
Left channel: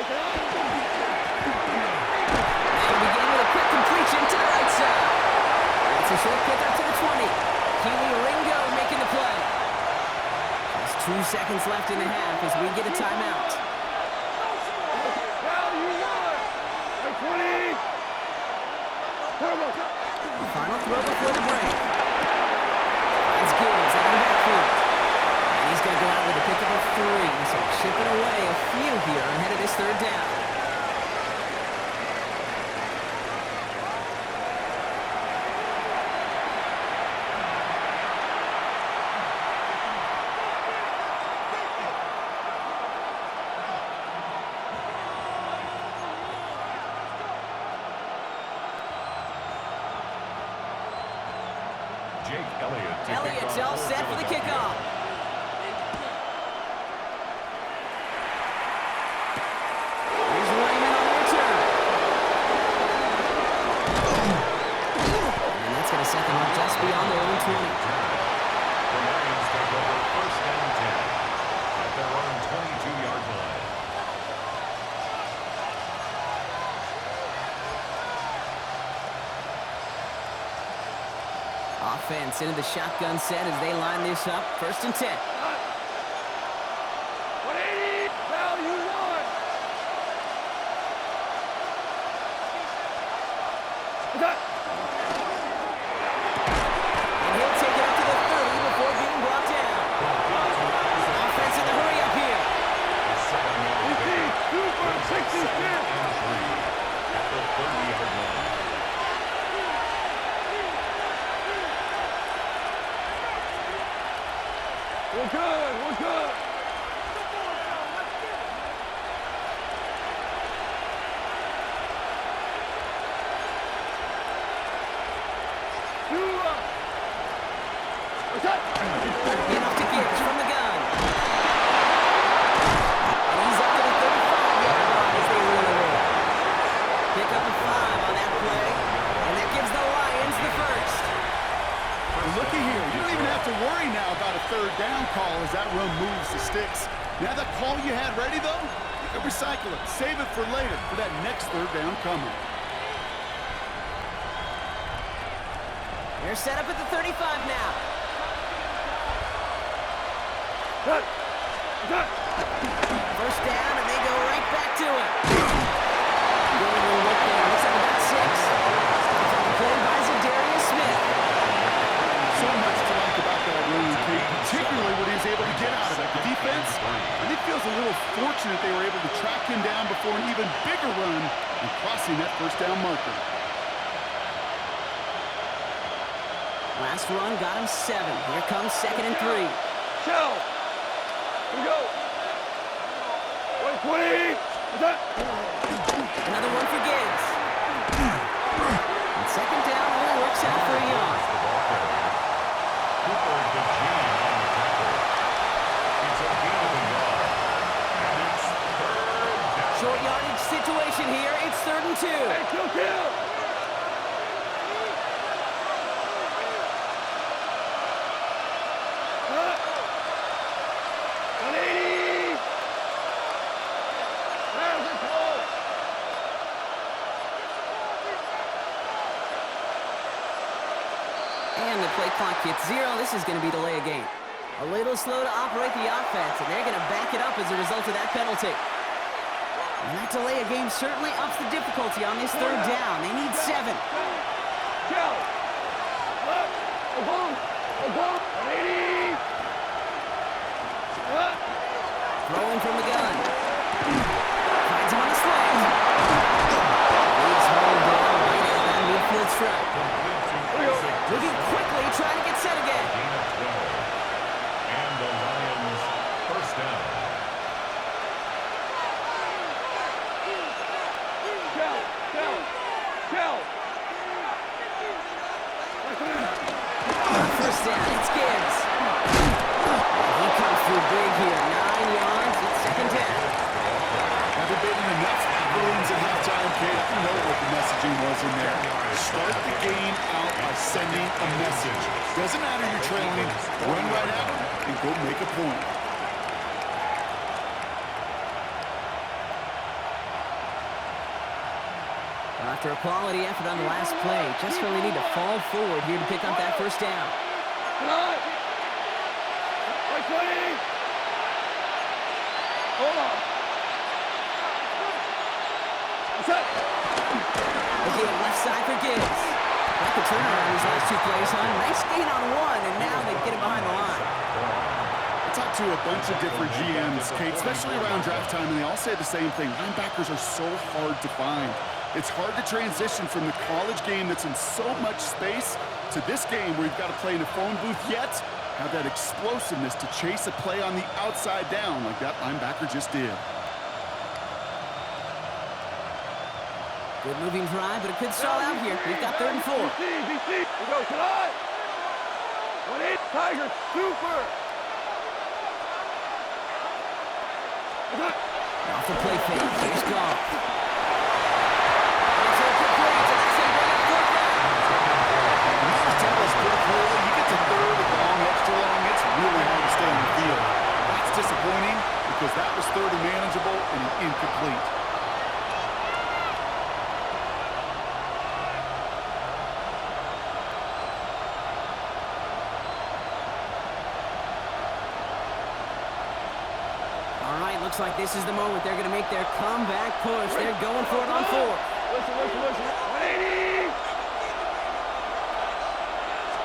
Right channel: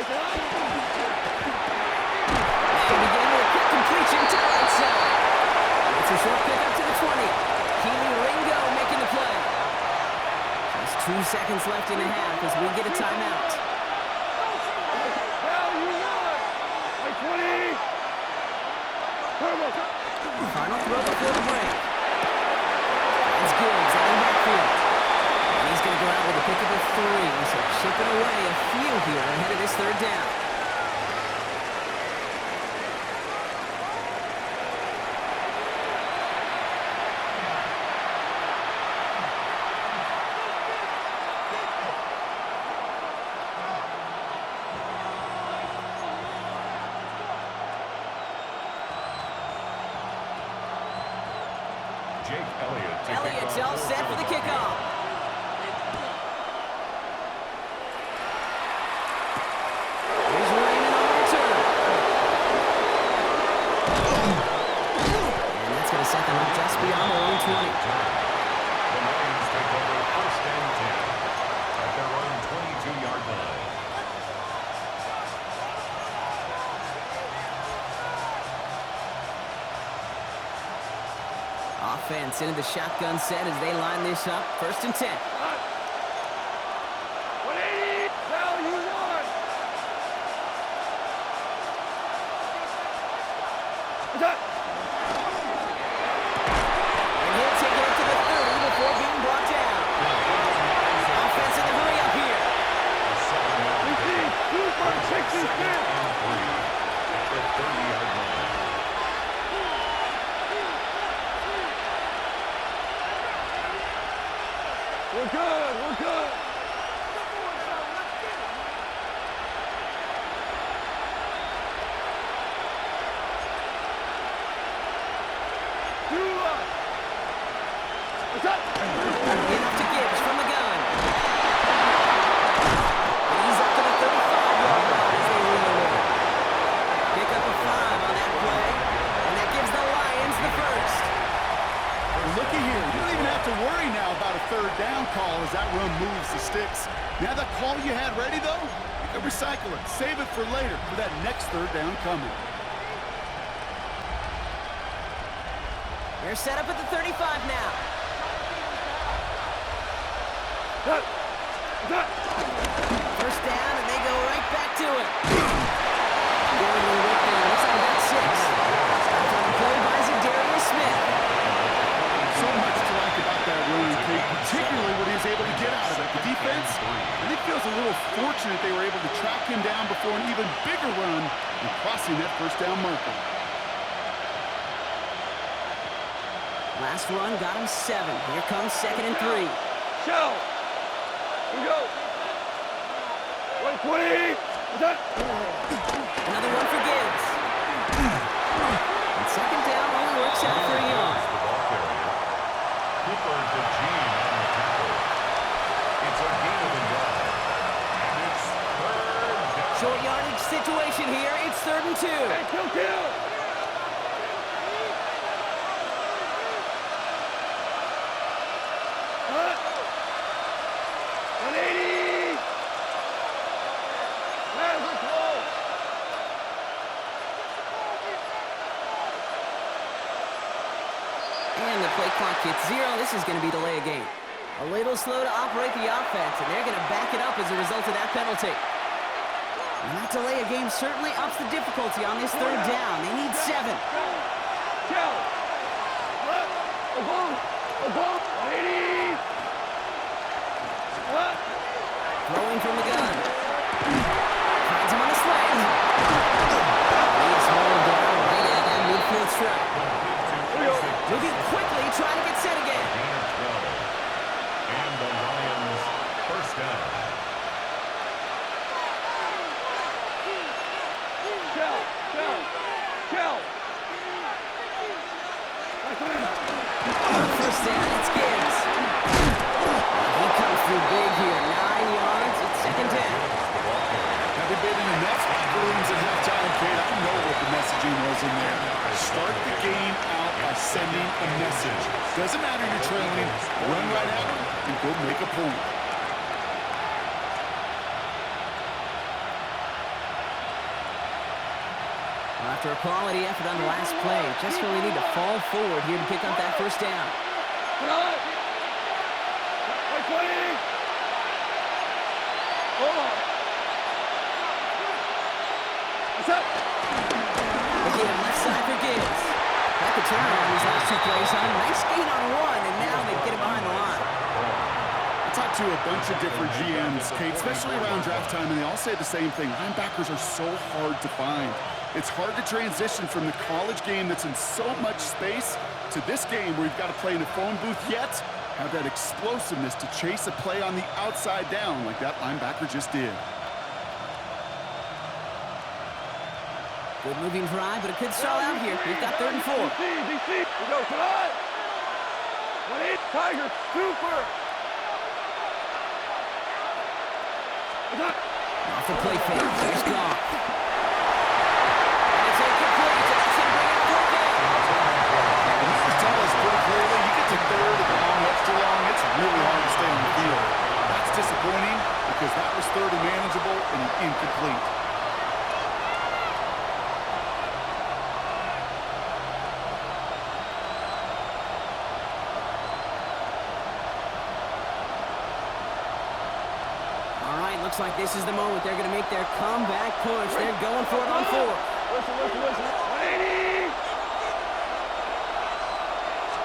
They begin with a quick completion to the right side. It's a short pickup to the 20. Keely Ringo making the play. Just 2 seconds left in the half as we get a timeout. Well, you won! Like 20! Final throw before the break. Finds Gibbs out of the backfield. And he's going to go out with a pickup of 3, so chipping away a few here ahead of this 3rd down. Elliott's all set for the kickoff. Here's Raymond on the return. And that's going to set them up just beyond their own 20. The Lions take over 1st and 10 at their own 22-yard line. Offense into the shotgun set as they line this up. 1st and 10. 180! Well, you won! And he'll take it up to the 30 before being brought down. second and 3 at the 30-yard line. We're good. We're good. What's up? Enough to Gibbs from the gun. And he's up to the 35-yard line as they reel him in. Pick up a 5 on that play, and that gives the Lions the first. Looky here, you don't even have to worry now about a third down call as that run moves the sticks. Now that call you had ready, though, you can recycle it, save it for later, for that next third down coming. They're set up at the 35 now. First down, and they go right back to it. Going to look there. Looks like about 6. Stopped on the play by Zadarius Smith. So much to like about that run, Kate, particularly what he was able to get out of it. The defense, I think, feels a little fortunate they were able to track him down before an even bigger run and crossing that first down marker. Last run got him 7. Here comes 2nd and 3. Shell. Here we go. 20. What's that? Another one for Gibbs. And 2nd down only works out for a yard. The ball carrier. Cooper DeJean on the tackle. It's a gain of a yard. And it's third down. Short yardage situation here. It's 3rd and 2. Hey, kill. What? 180. Man, we're close. And the play clock hits 0. This is going to be delay a game. A little slow to operate the offense, and they're going to back it up as a result of that penalty. And that delay a game certainly ups the difficulty on this 3rd down. They need 7. Shell. Left. Above. 180. What? Throwing from the gun. Finds him on the slant. He is hauled down right at that midfield stripe. Moving quickly, trying to get set again. Gain of 12. And the Lions first down. Shell. First down, it's Gibbs. And he comes through big here. 9 yards, it's 2nd down. Haven't been in enough locker rooms at halftime, Kate. I know what the messaging was in there. Start the game out by sending a message. Doesn't matter you're trailing, run right at them and go make a point. After a quality effort on the last play, just really need to fall forward here to pick up that first down. Come on. 20. Hold on. What's up? Again, left side for Gibbs. Like the turnaround these last 2 plays, huh? Nice gain on 1, and now they get it behind the line. I talked to a bunch of different GMs, Kate, especially around draft time, and they all say the same thing. Linebackers are so hard to find. It's hard to transition from the college game that's in so much space to this game where you've got to play in a phone booth, yet have that explosiveness to chase a play on the outside down like that linebacker just did. Good moving drive, but it could stall out here. We've got 3rd and 4. DC. We go tonight. 1-8. Tiger. Super. Off the play fake. Here's Goff. And it's incomplete, and that's going to bring it 4th down. Tell us pretty clearly, you get to 3rd and long, extra long, it's really hard to stay on the field. That's disappointing because that was 3rd and manageable and incomplete. All right, looks like this is the moment they're going to make their comeback push. They're going for it on 4. Listen. 180.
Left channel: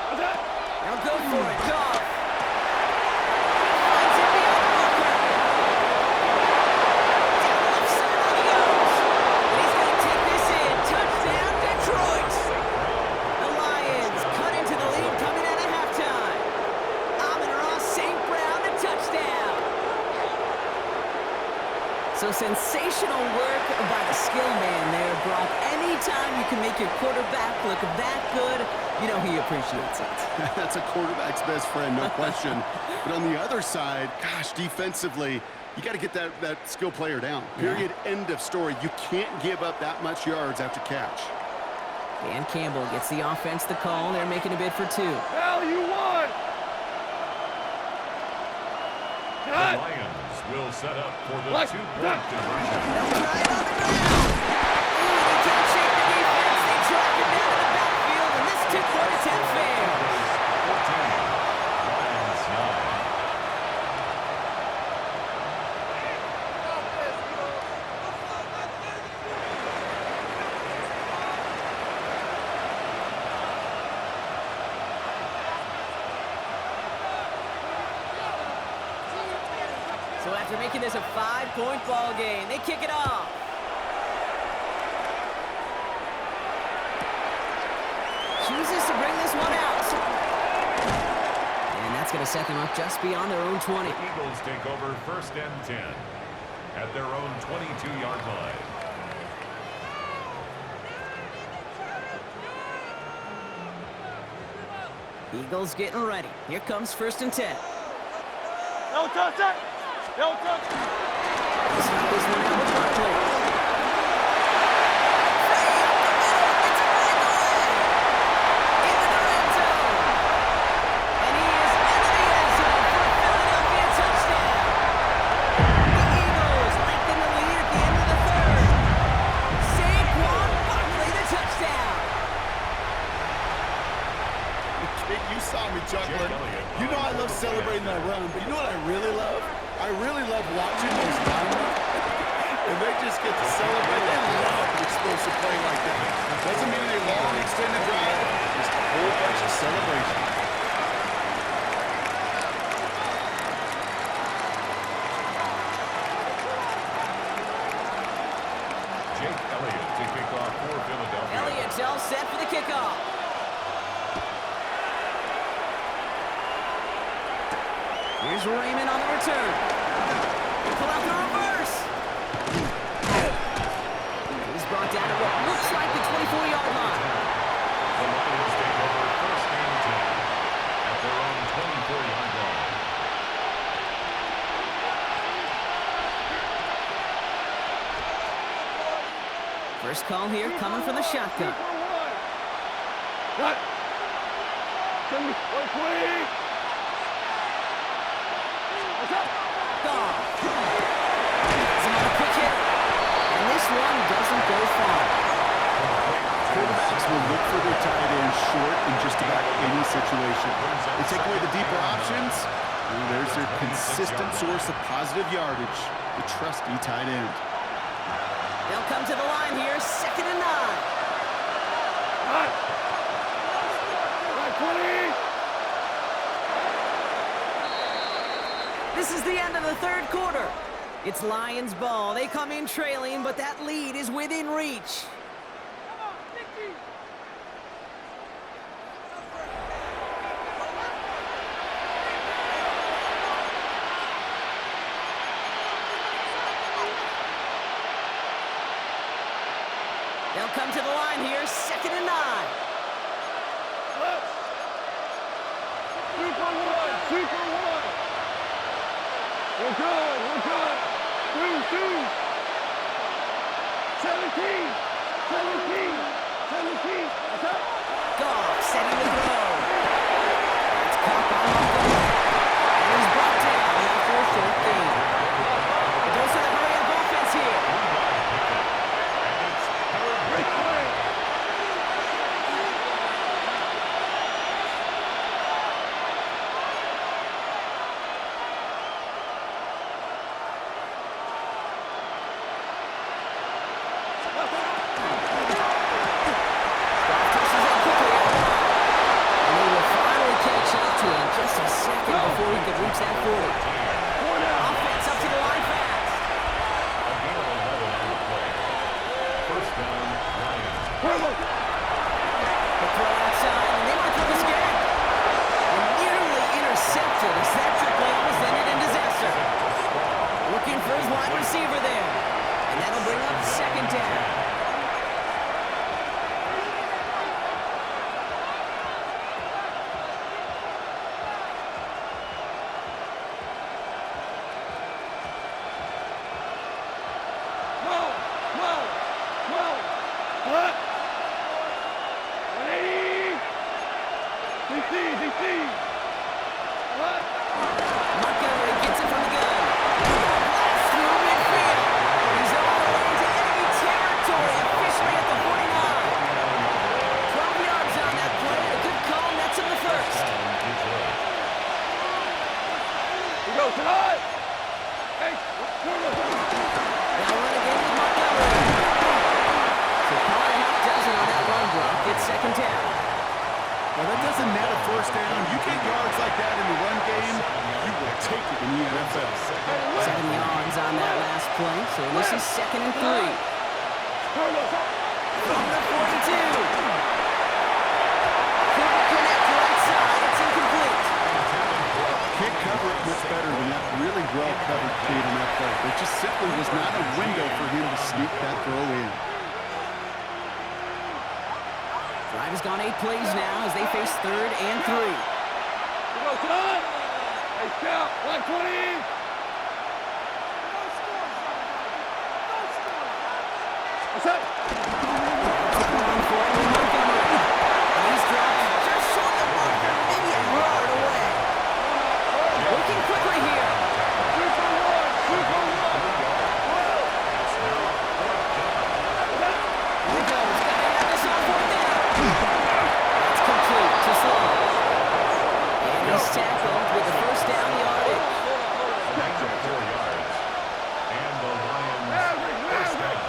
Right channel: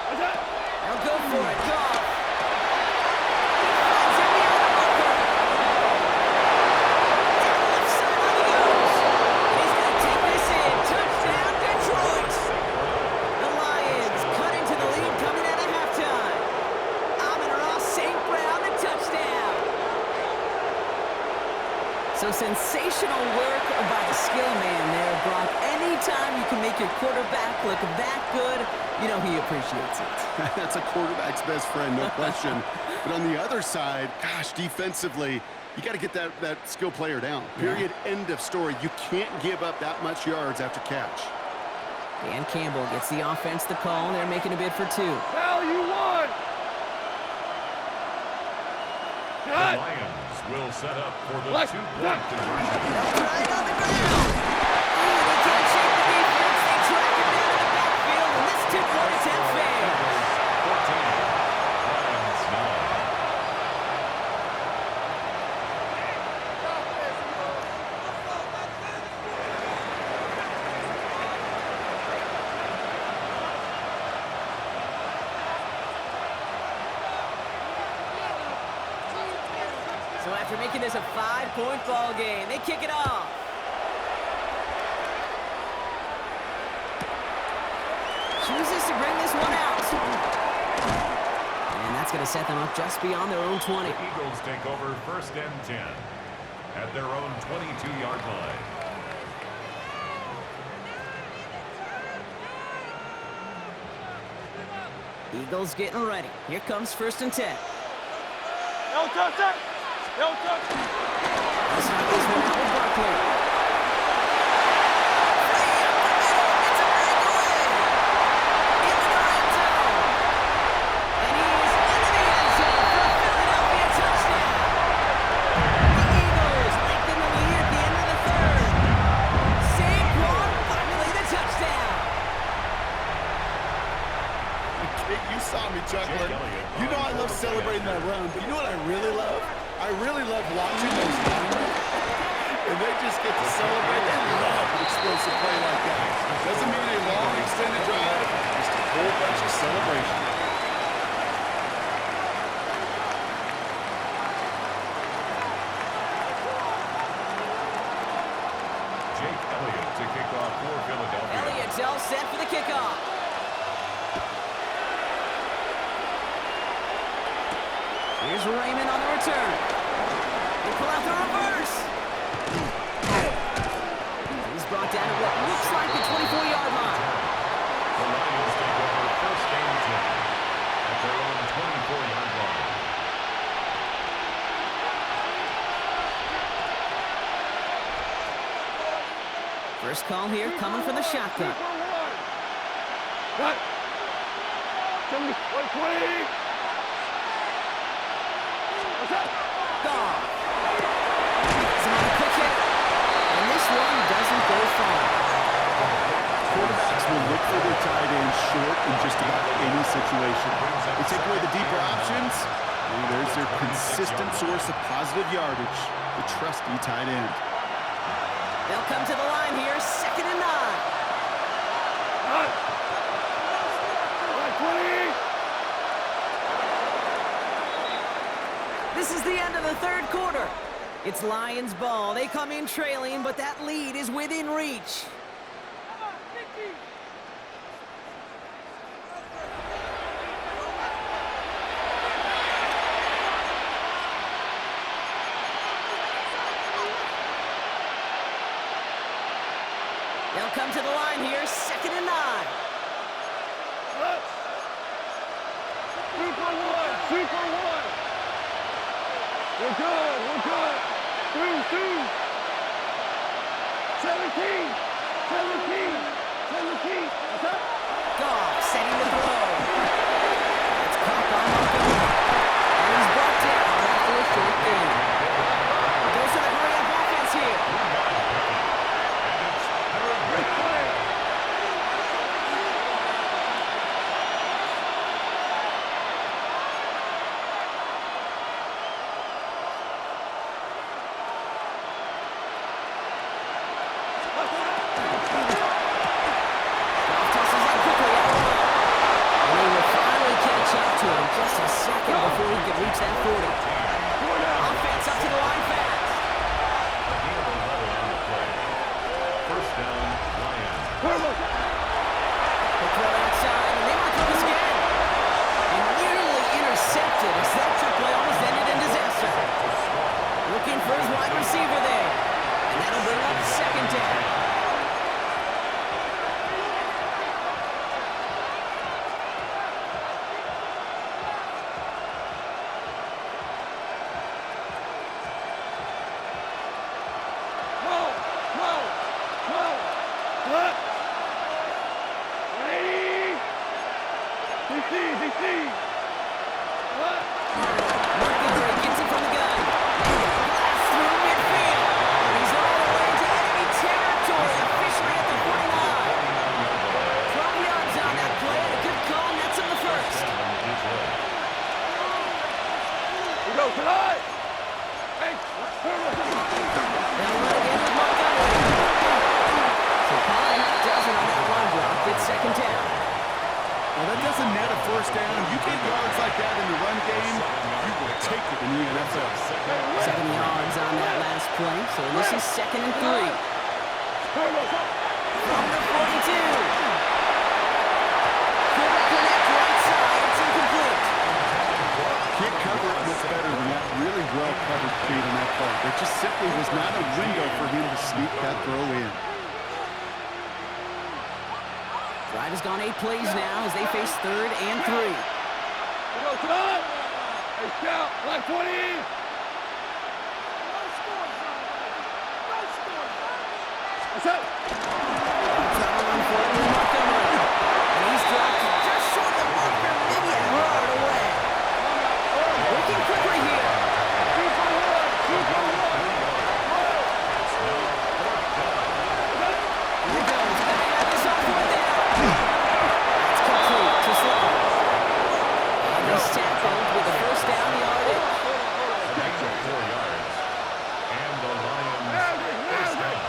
What's that? They'll go for it. Goff. He finds him beyond the marker. Down the left sideline he goes. So sensational work by the skill man there, Brock. Anytime you can make your quarterback look that good, you know he appreciates it. That's a quarterback's best friend, no question. But on the other side, gosh, defensively, you got to get that skill player down. Period. Yeah. End of story. You can't give up that much yards after catch. Dan Campbell gets the offense the call. They're making a bid for 2. Hell, you won! The Lions will set up for the two-point conversion. They'll try it on the ground. Ooh, they can't shake the defense. They track him down to the backfield, and this two-point attempt fails. 14, Lions 9. So after making this a 5-point ball game, they kick it off. Chooses to bring this one out. And that's going to set them up just beyond their own 20. The Eagles take over 1st and 10 at their own 22-yard line. Eagles getting ready. Here comes 1st and 10. No touch that! No touch! Start this one out with Barkley. Free up the middle. It's a breakaway. Into the red zone. And he is into the end zone for a Philadelphia touchdown. The Eagles lengthen the lead at the end of the 3rd. Saquon Barkley, the touchdown. Kate, you saw me chuckling. You know I love celebrating that run, but you know what I really love? I really love watching those linemen. And they just get to celebrate. They love an explosive play like that. Doesn't mean a long, extended drive. Just a whole bunch of celebration. Jake Elliott to kick off for Philadelphia. Elliott's all set for the kickoff. Here's Raymond on the return. They pull out the reverse. He's brought down at what looks like the 24-yard line. The Lions take over 1st and 10 at their own 24-yard line. First call here coming from the shotgun. Cut! 120! Goff. Some on a quick hit. And this one doesn't go far. Quarterbacks will look for their tight end short in just about any situation. They take away the deeper options, and there's their consistent source of positive yardage, the trusty tight end. They'll come to the line here, 2nd and 9. Cut! 20! This is the end of the 3rd quarter. It's Lions ball. They come in trailing, but that lead is within reach. They'll come to the line here, 2nd and 9. Super one! We're good! 2! 17! What's up? Goff setting the throw. That's caught by Montgomery. And he's brought down after a short gain. The dose of the hurry-up offense here. Great play! Goff tosses it quickly out wide. And they will finally catch up to him just a second before he could reach that 40. Offense up to the line fast. A gain of 11 on the play. 1st down, Lions. The throw outside, and they might throw this again. And nearly intercepted. intercepted as that trick play almost ended in disaster. Looking for his wide receiver there. And that'll bring up second down. Montgomery gets it from the gun. Blast through midfield. He's all the way into enemy territory, officially at the 49. 12 yards on that play, and a good call nets him the first. We go tonight. Hey, Now run again with Montgomery. So call it a half dozen on that run block. It's second down. Well, that doesn't net a first down. You get yards like that in the run game, you will take it in the NFL. 7 yards on that last play, so this is 2nd and 3. From the 42. Couldn't connect right side. It's incomplete. Can't cover it much better than that. Really well covered, Kate, on that play. There just simply was not a window for him to sneak that throw in. Drive has gone 8 plays now as they face 3rd and 3. we go tonight. Hey, scout, black 20. What's that? Trouble on for it with Montgomery. And he's dropped just short of the marker, maybe a yard away. Working quickly here. 2 for 1. 2 for 1. Here he goes. Gonna have this on 4th down. That's complete to Sloan. And he's tackled with the first down yardage. Extra 4 yards. And the Lions first down.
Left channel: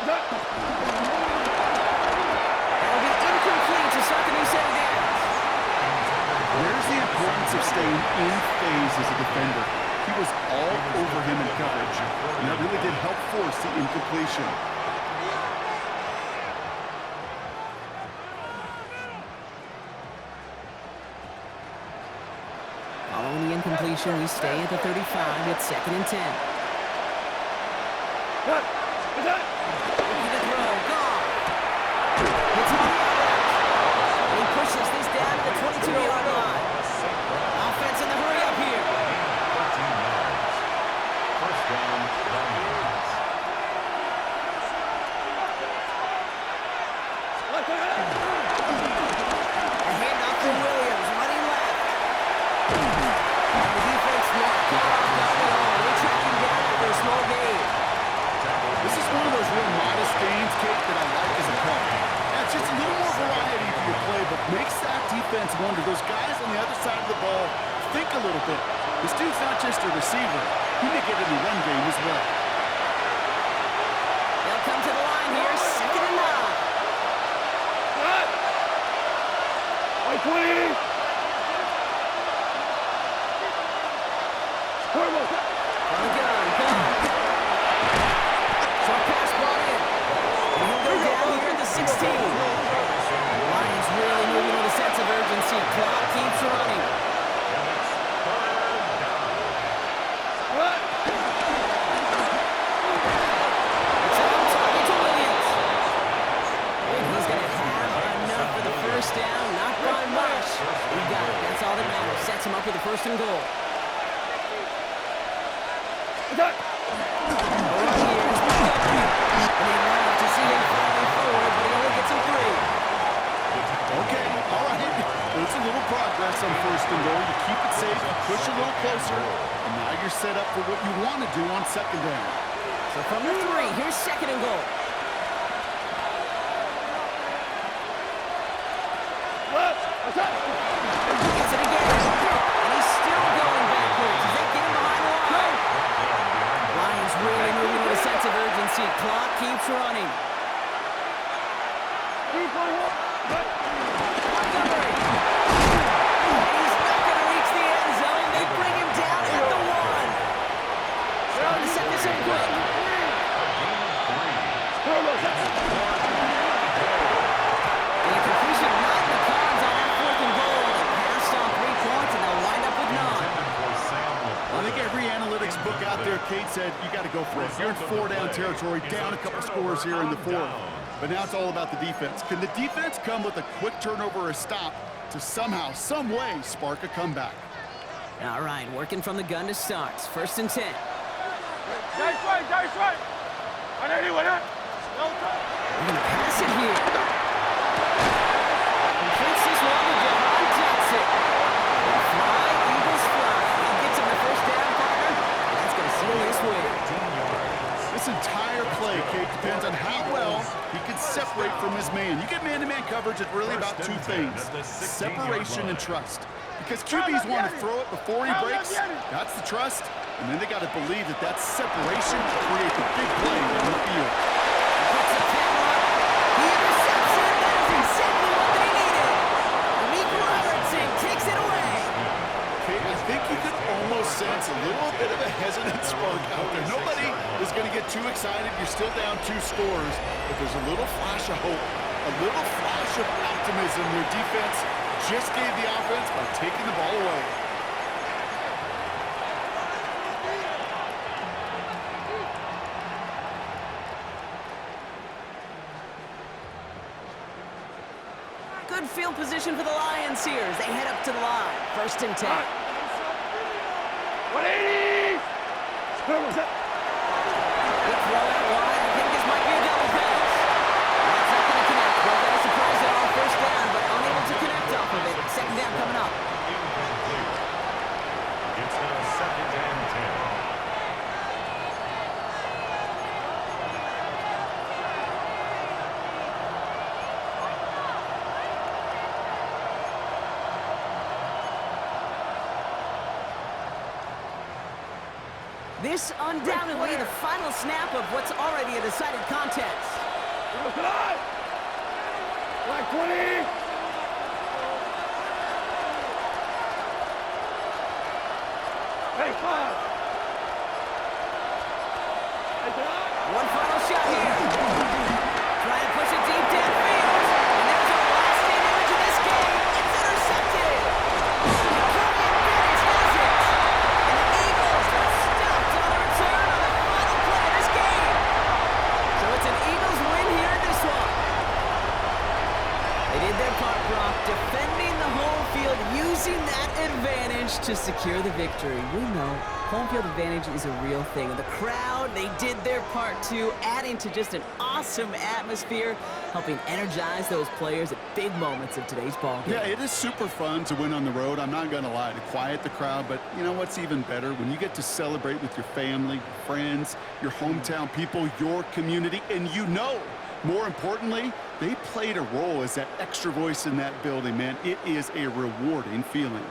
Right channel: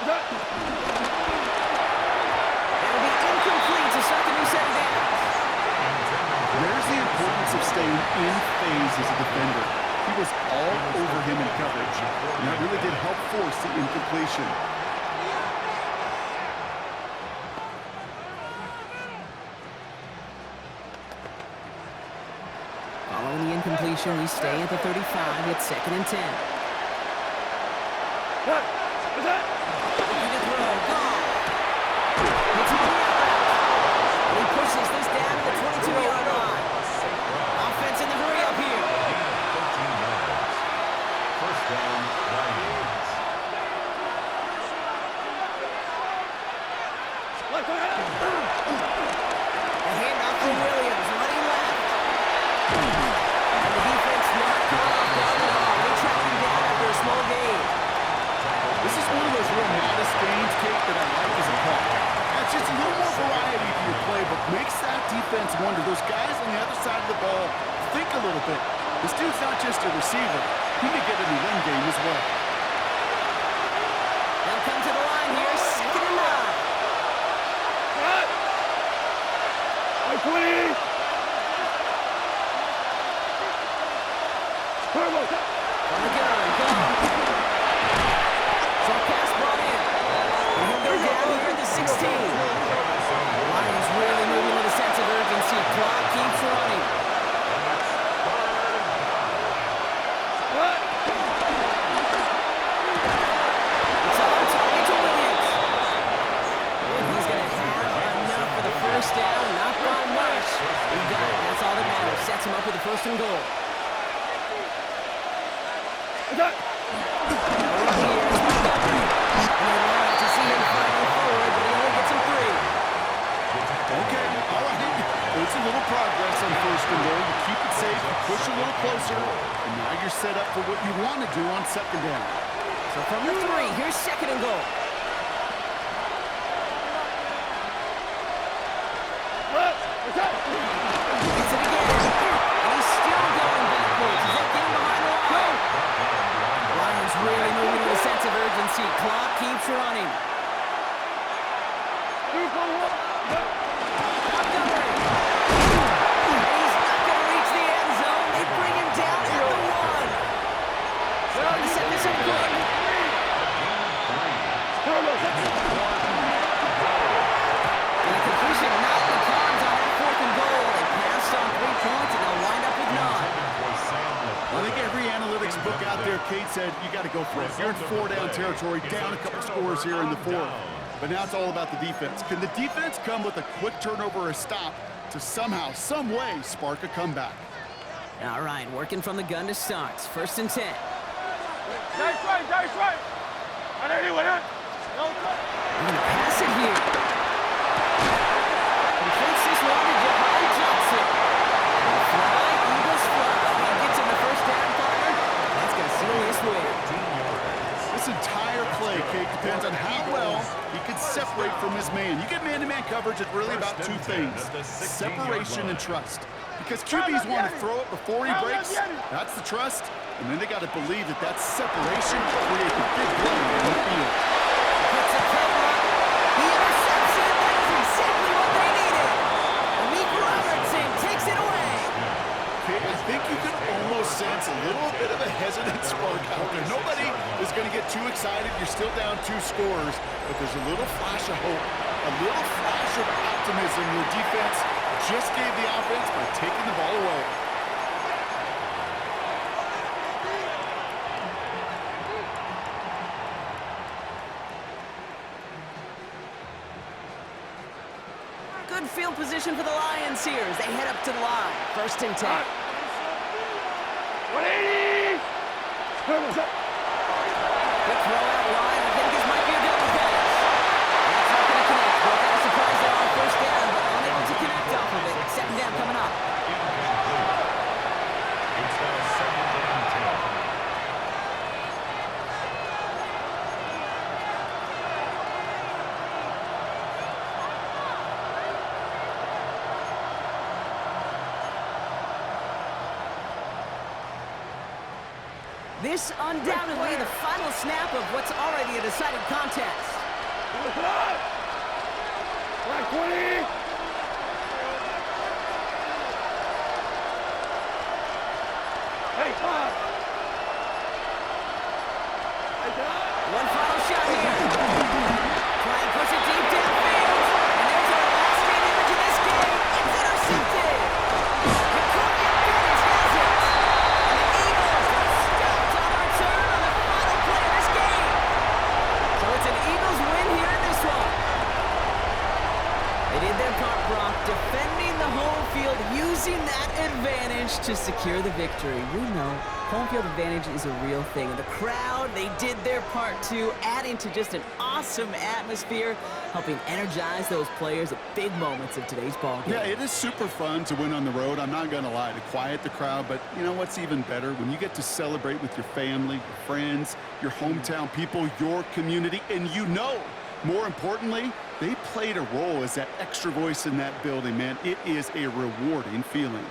That'll be incomplete to start the new set of downs. There's the importance of staying in phase as a defender. He was all over him in coverage, and that really did help force the incompletion. Following the incompletion, we stay at the 35. It's 2nd and 10. What's that? Looking to throw. Gone. Hits on the out route. And he pushes this down to the 22-yard line. Offense in the hurry up here. 13 yards. First down, Lions. A handoff for Williams, running left. And the defense not caught off guard at all. They track him down after a small gain. This is one of those real modest gains, Kate, that I like as a call. It's just a little more variety to your play, but makes that defense wonder. Those guys on the other side of the ball think a little bit. This dude's not just a receiver. He may get in the run game as well. They'll come to the line here, 2nd and 9. What? White 20. Turbo. From the gun, gone. Short pass brought in. And he'll go down here at the 16. Lions really moving with a sense of urgency. Clock keeps running. What? It's on target to Williams. And he's going to have enough for the first down. Not by much. He got it. That's all that matters. Sets him up with the 1st and goal. What's that? No run here is Montgomery. And they love to see him fighting forward, but he only gets him 3. Okay, all right. There's a little progress on 1st and goal. You keep it safe, you push a little closer, and now you're set up for what you want to do on 2nd down. So from the 3, here's 2nd and goal. What? What's that? Gets it again. And he's still going backwards. Does that get him behind the line? Lions really moving with a sense of urgency. Clock keeps running. 2 for 1. Montgomery. And he's not going to reach the end zone. They bring him down at the 1. Trying to set this up quick. The completion not in the cards on that 4th and goal. They passed on 3 points. like Kate said, you got to go for it. You're in four-down territory, down a couple scores here in the fourth. But now it's all about the defense. Can the defense come with a quick turnover or a stop to somehow, some way, spark a comeback? All right, working from the gun to start. 1st and 10. Nice right. On anyone, huh? No time. We're going to pass it here. Completes this one to Jahan Johnson. And fly, Eagles fly. He gets him the 1st down, partner. And that's going to seal this win. 15 yards. This entire play, Kate, depends on how well he can separate from his man. You get man-to-man coverage, it's really about two things: separation and trust. Because QBs want to throw it before he breaks, that's the trust, and then they got to believe that that separation will create the big play in the field. Puts a camera up. He intercepts it. That is exactly what they needed. Amik Robertson takes it away. Kate, I think you could almost sense a little bit of a hesitant spark out there. Nobody is going to get too excited. You're still down 2 scores, but there's a little flash of hope, a little flash of optimism. Your defense just gave the offense by taking the ball away. Good field position for the Lions here as they head up to the line. 1st and 10. 180! Good throw out wide. I think this might be a double pass. That's not going to connect. Broke out a surprise there on 1st down, but unable to connect off of it. 2nd down coming up. Incomplete. It's now 2nd and 10. This undoubtedly the final snap of what's already a decided contest. Black 20! Hey, 5! One final shot here. Trying to push it deep downfield. And there's our last-stand image of this game. It's intercepted. Victoria Bennett has it. And the Eagles are stopped on the return on the final play of this game. So it's an Eagles win here in this one. They did their part, Brock, defending the home field, using that advantage to secure the victory. We know home field advantage is a real thing. And the crowd, they did their part too, adding to just an awesome atmosphere, helping energize those players at big moments of today's ball game. Yeah, it is super fun to win on the road. I'm not going to lie, to quiet the crowd. But you know what's even better? When you get to celebrate with your family, your friends, your hometown people, your community, and you know, more importantly, they played a role as that extra voice in that building, man. It is a rewarding feeling.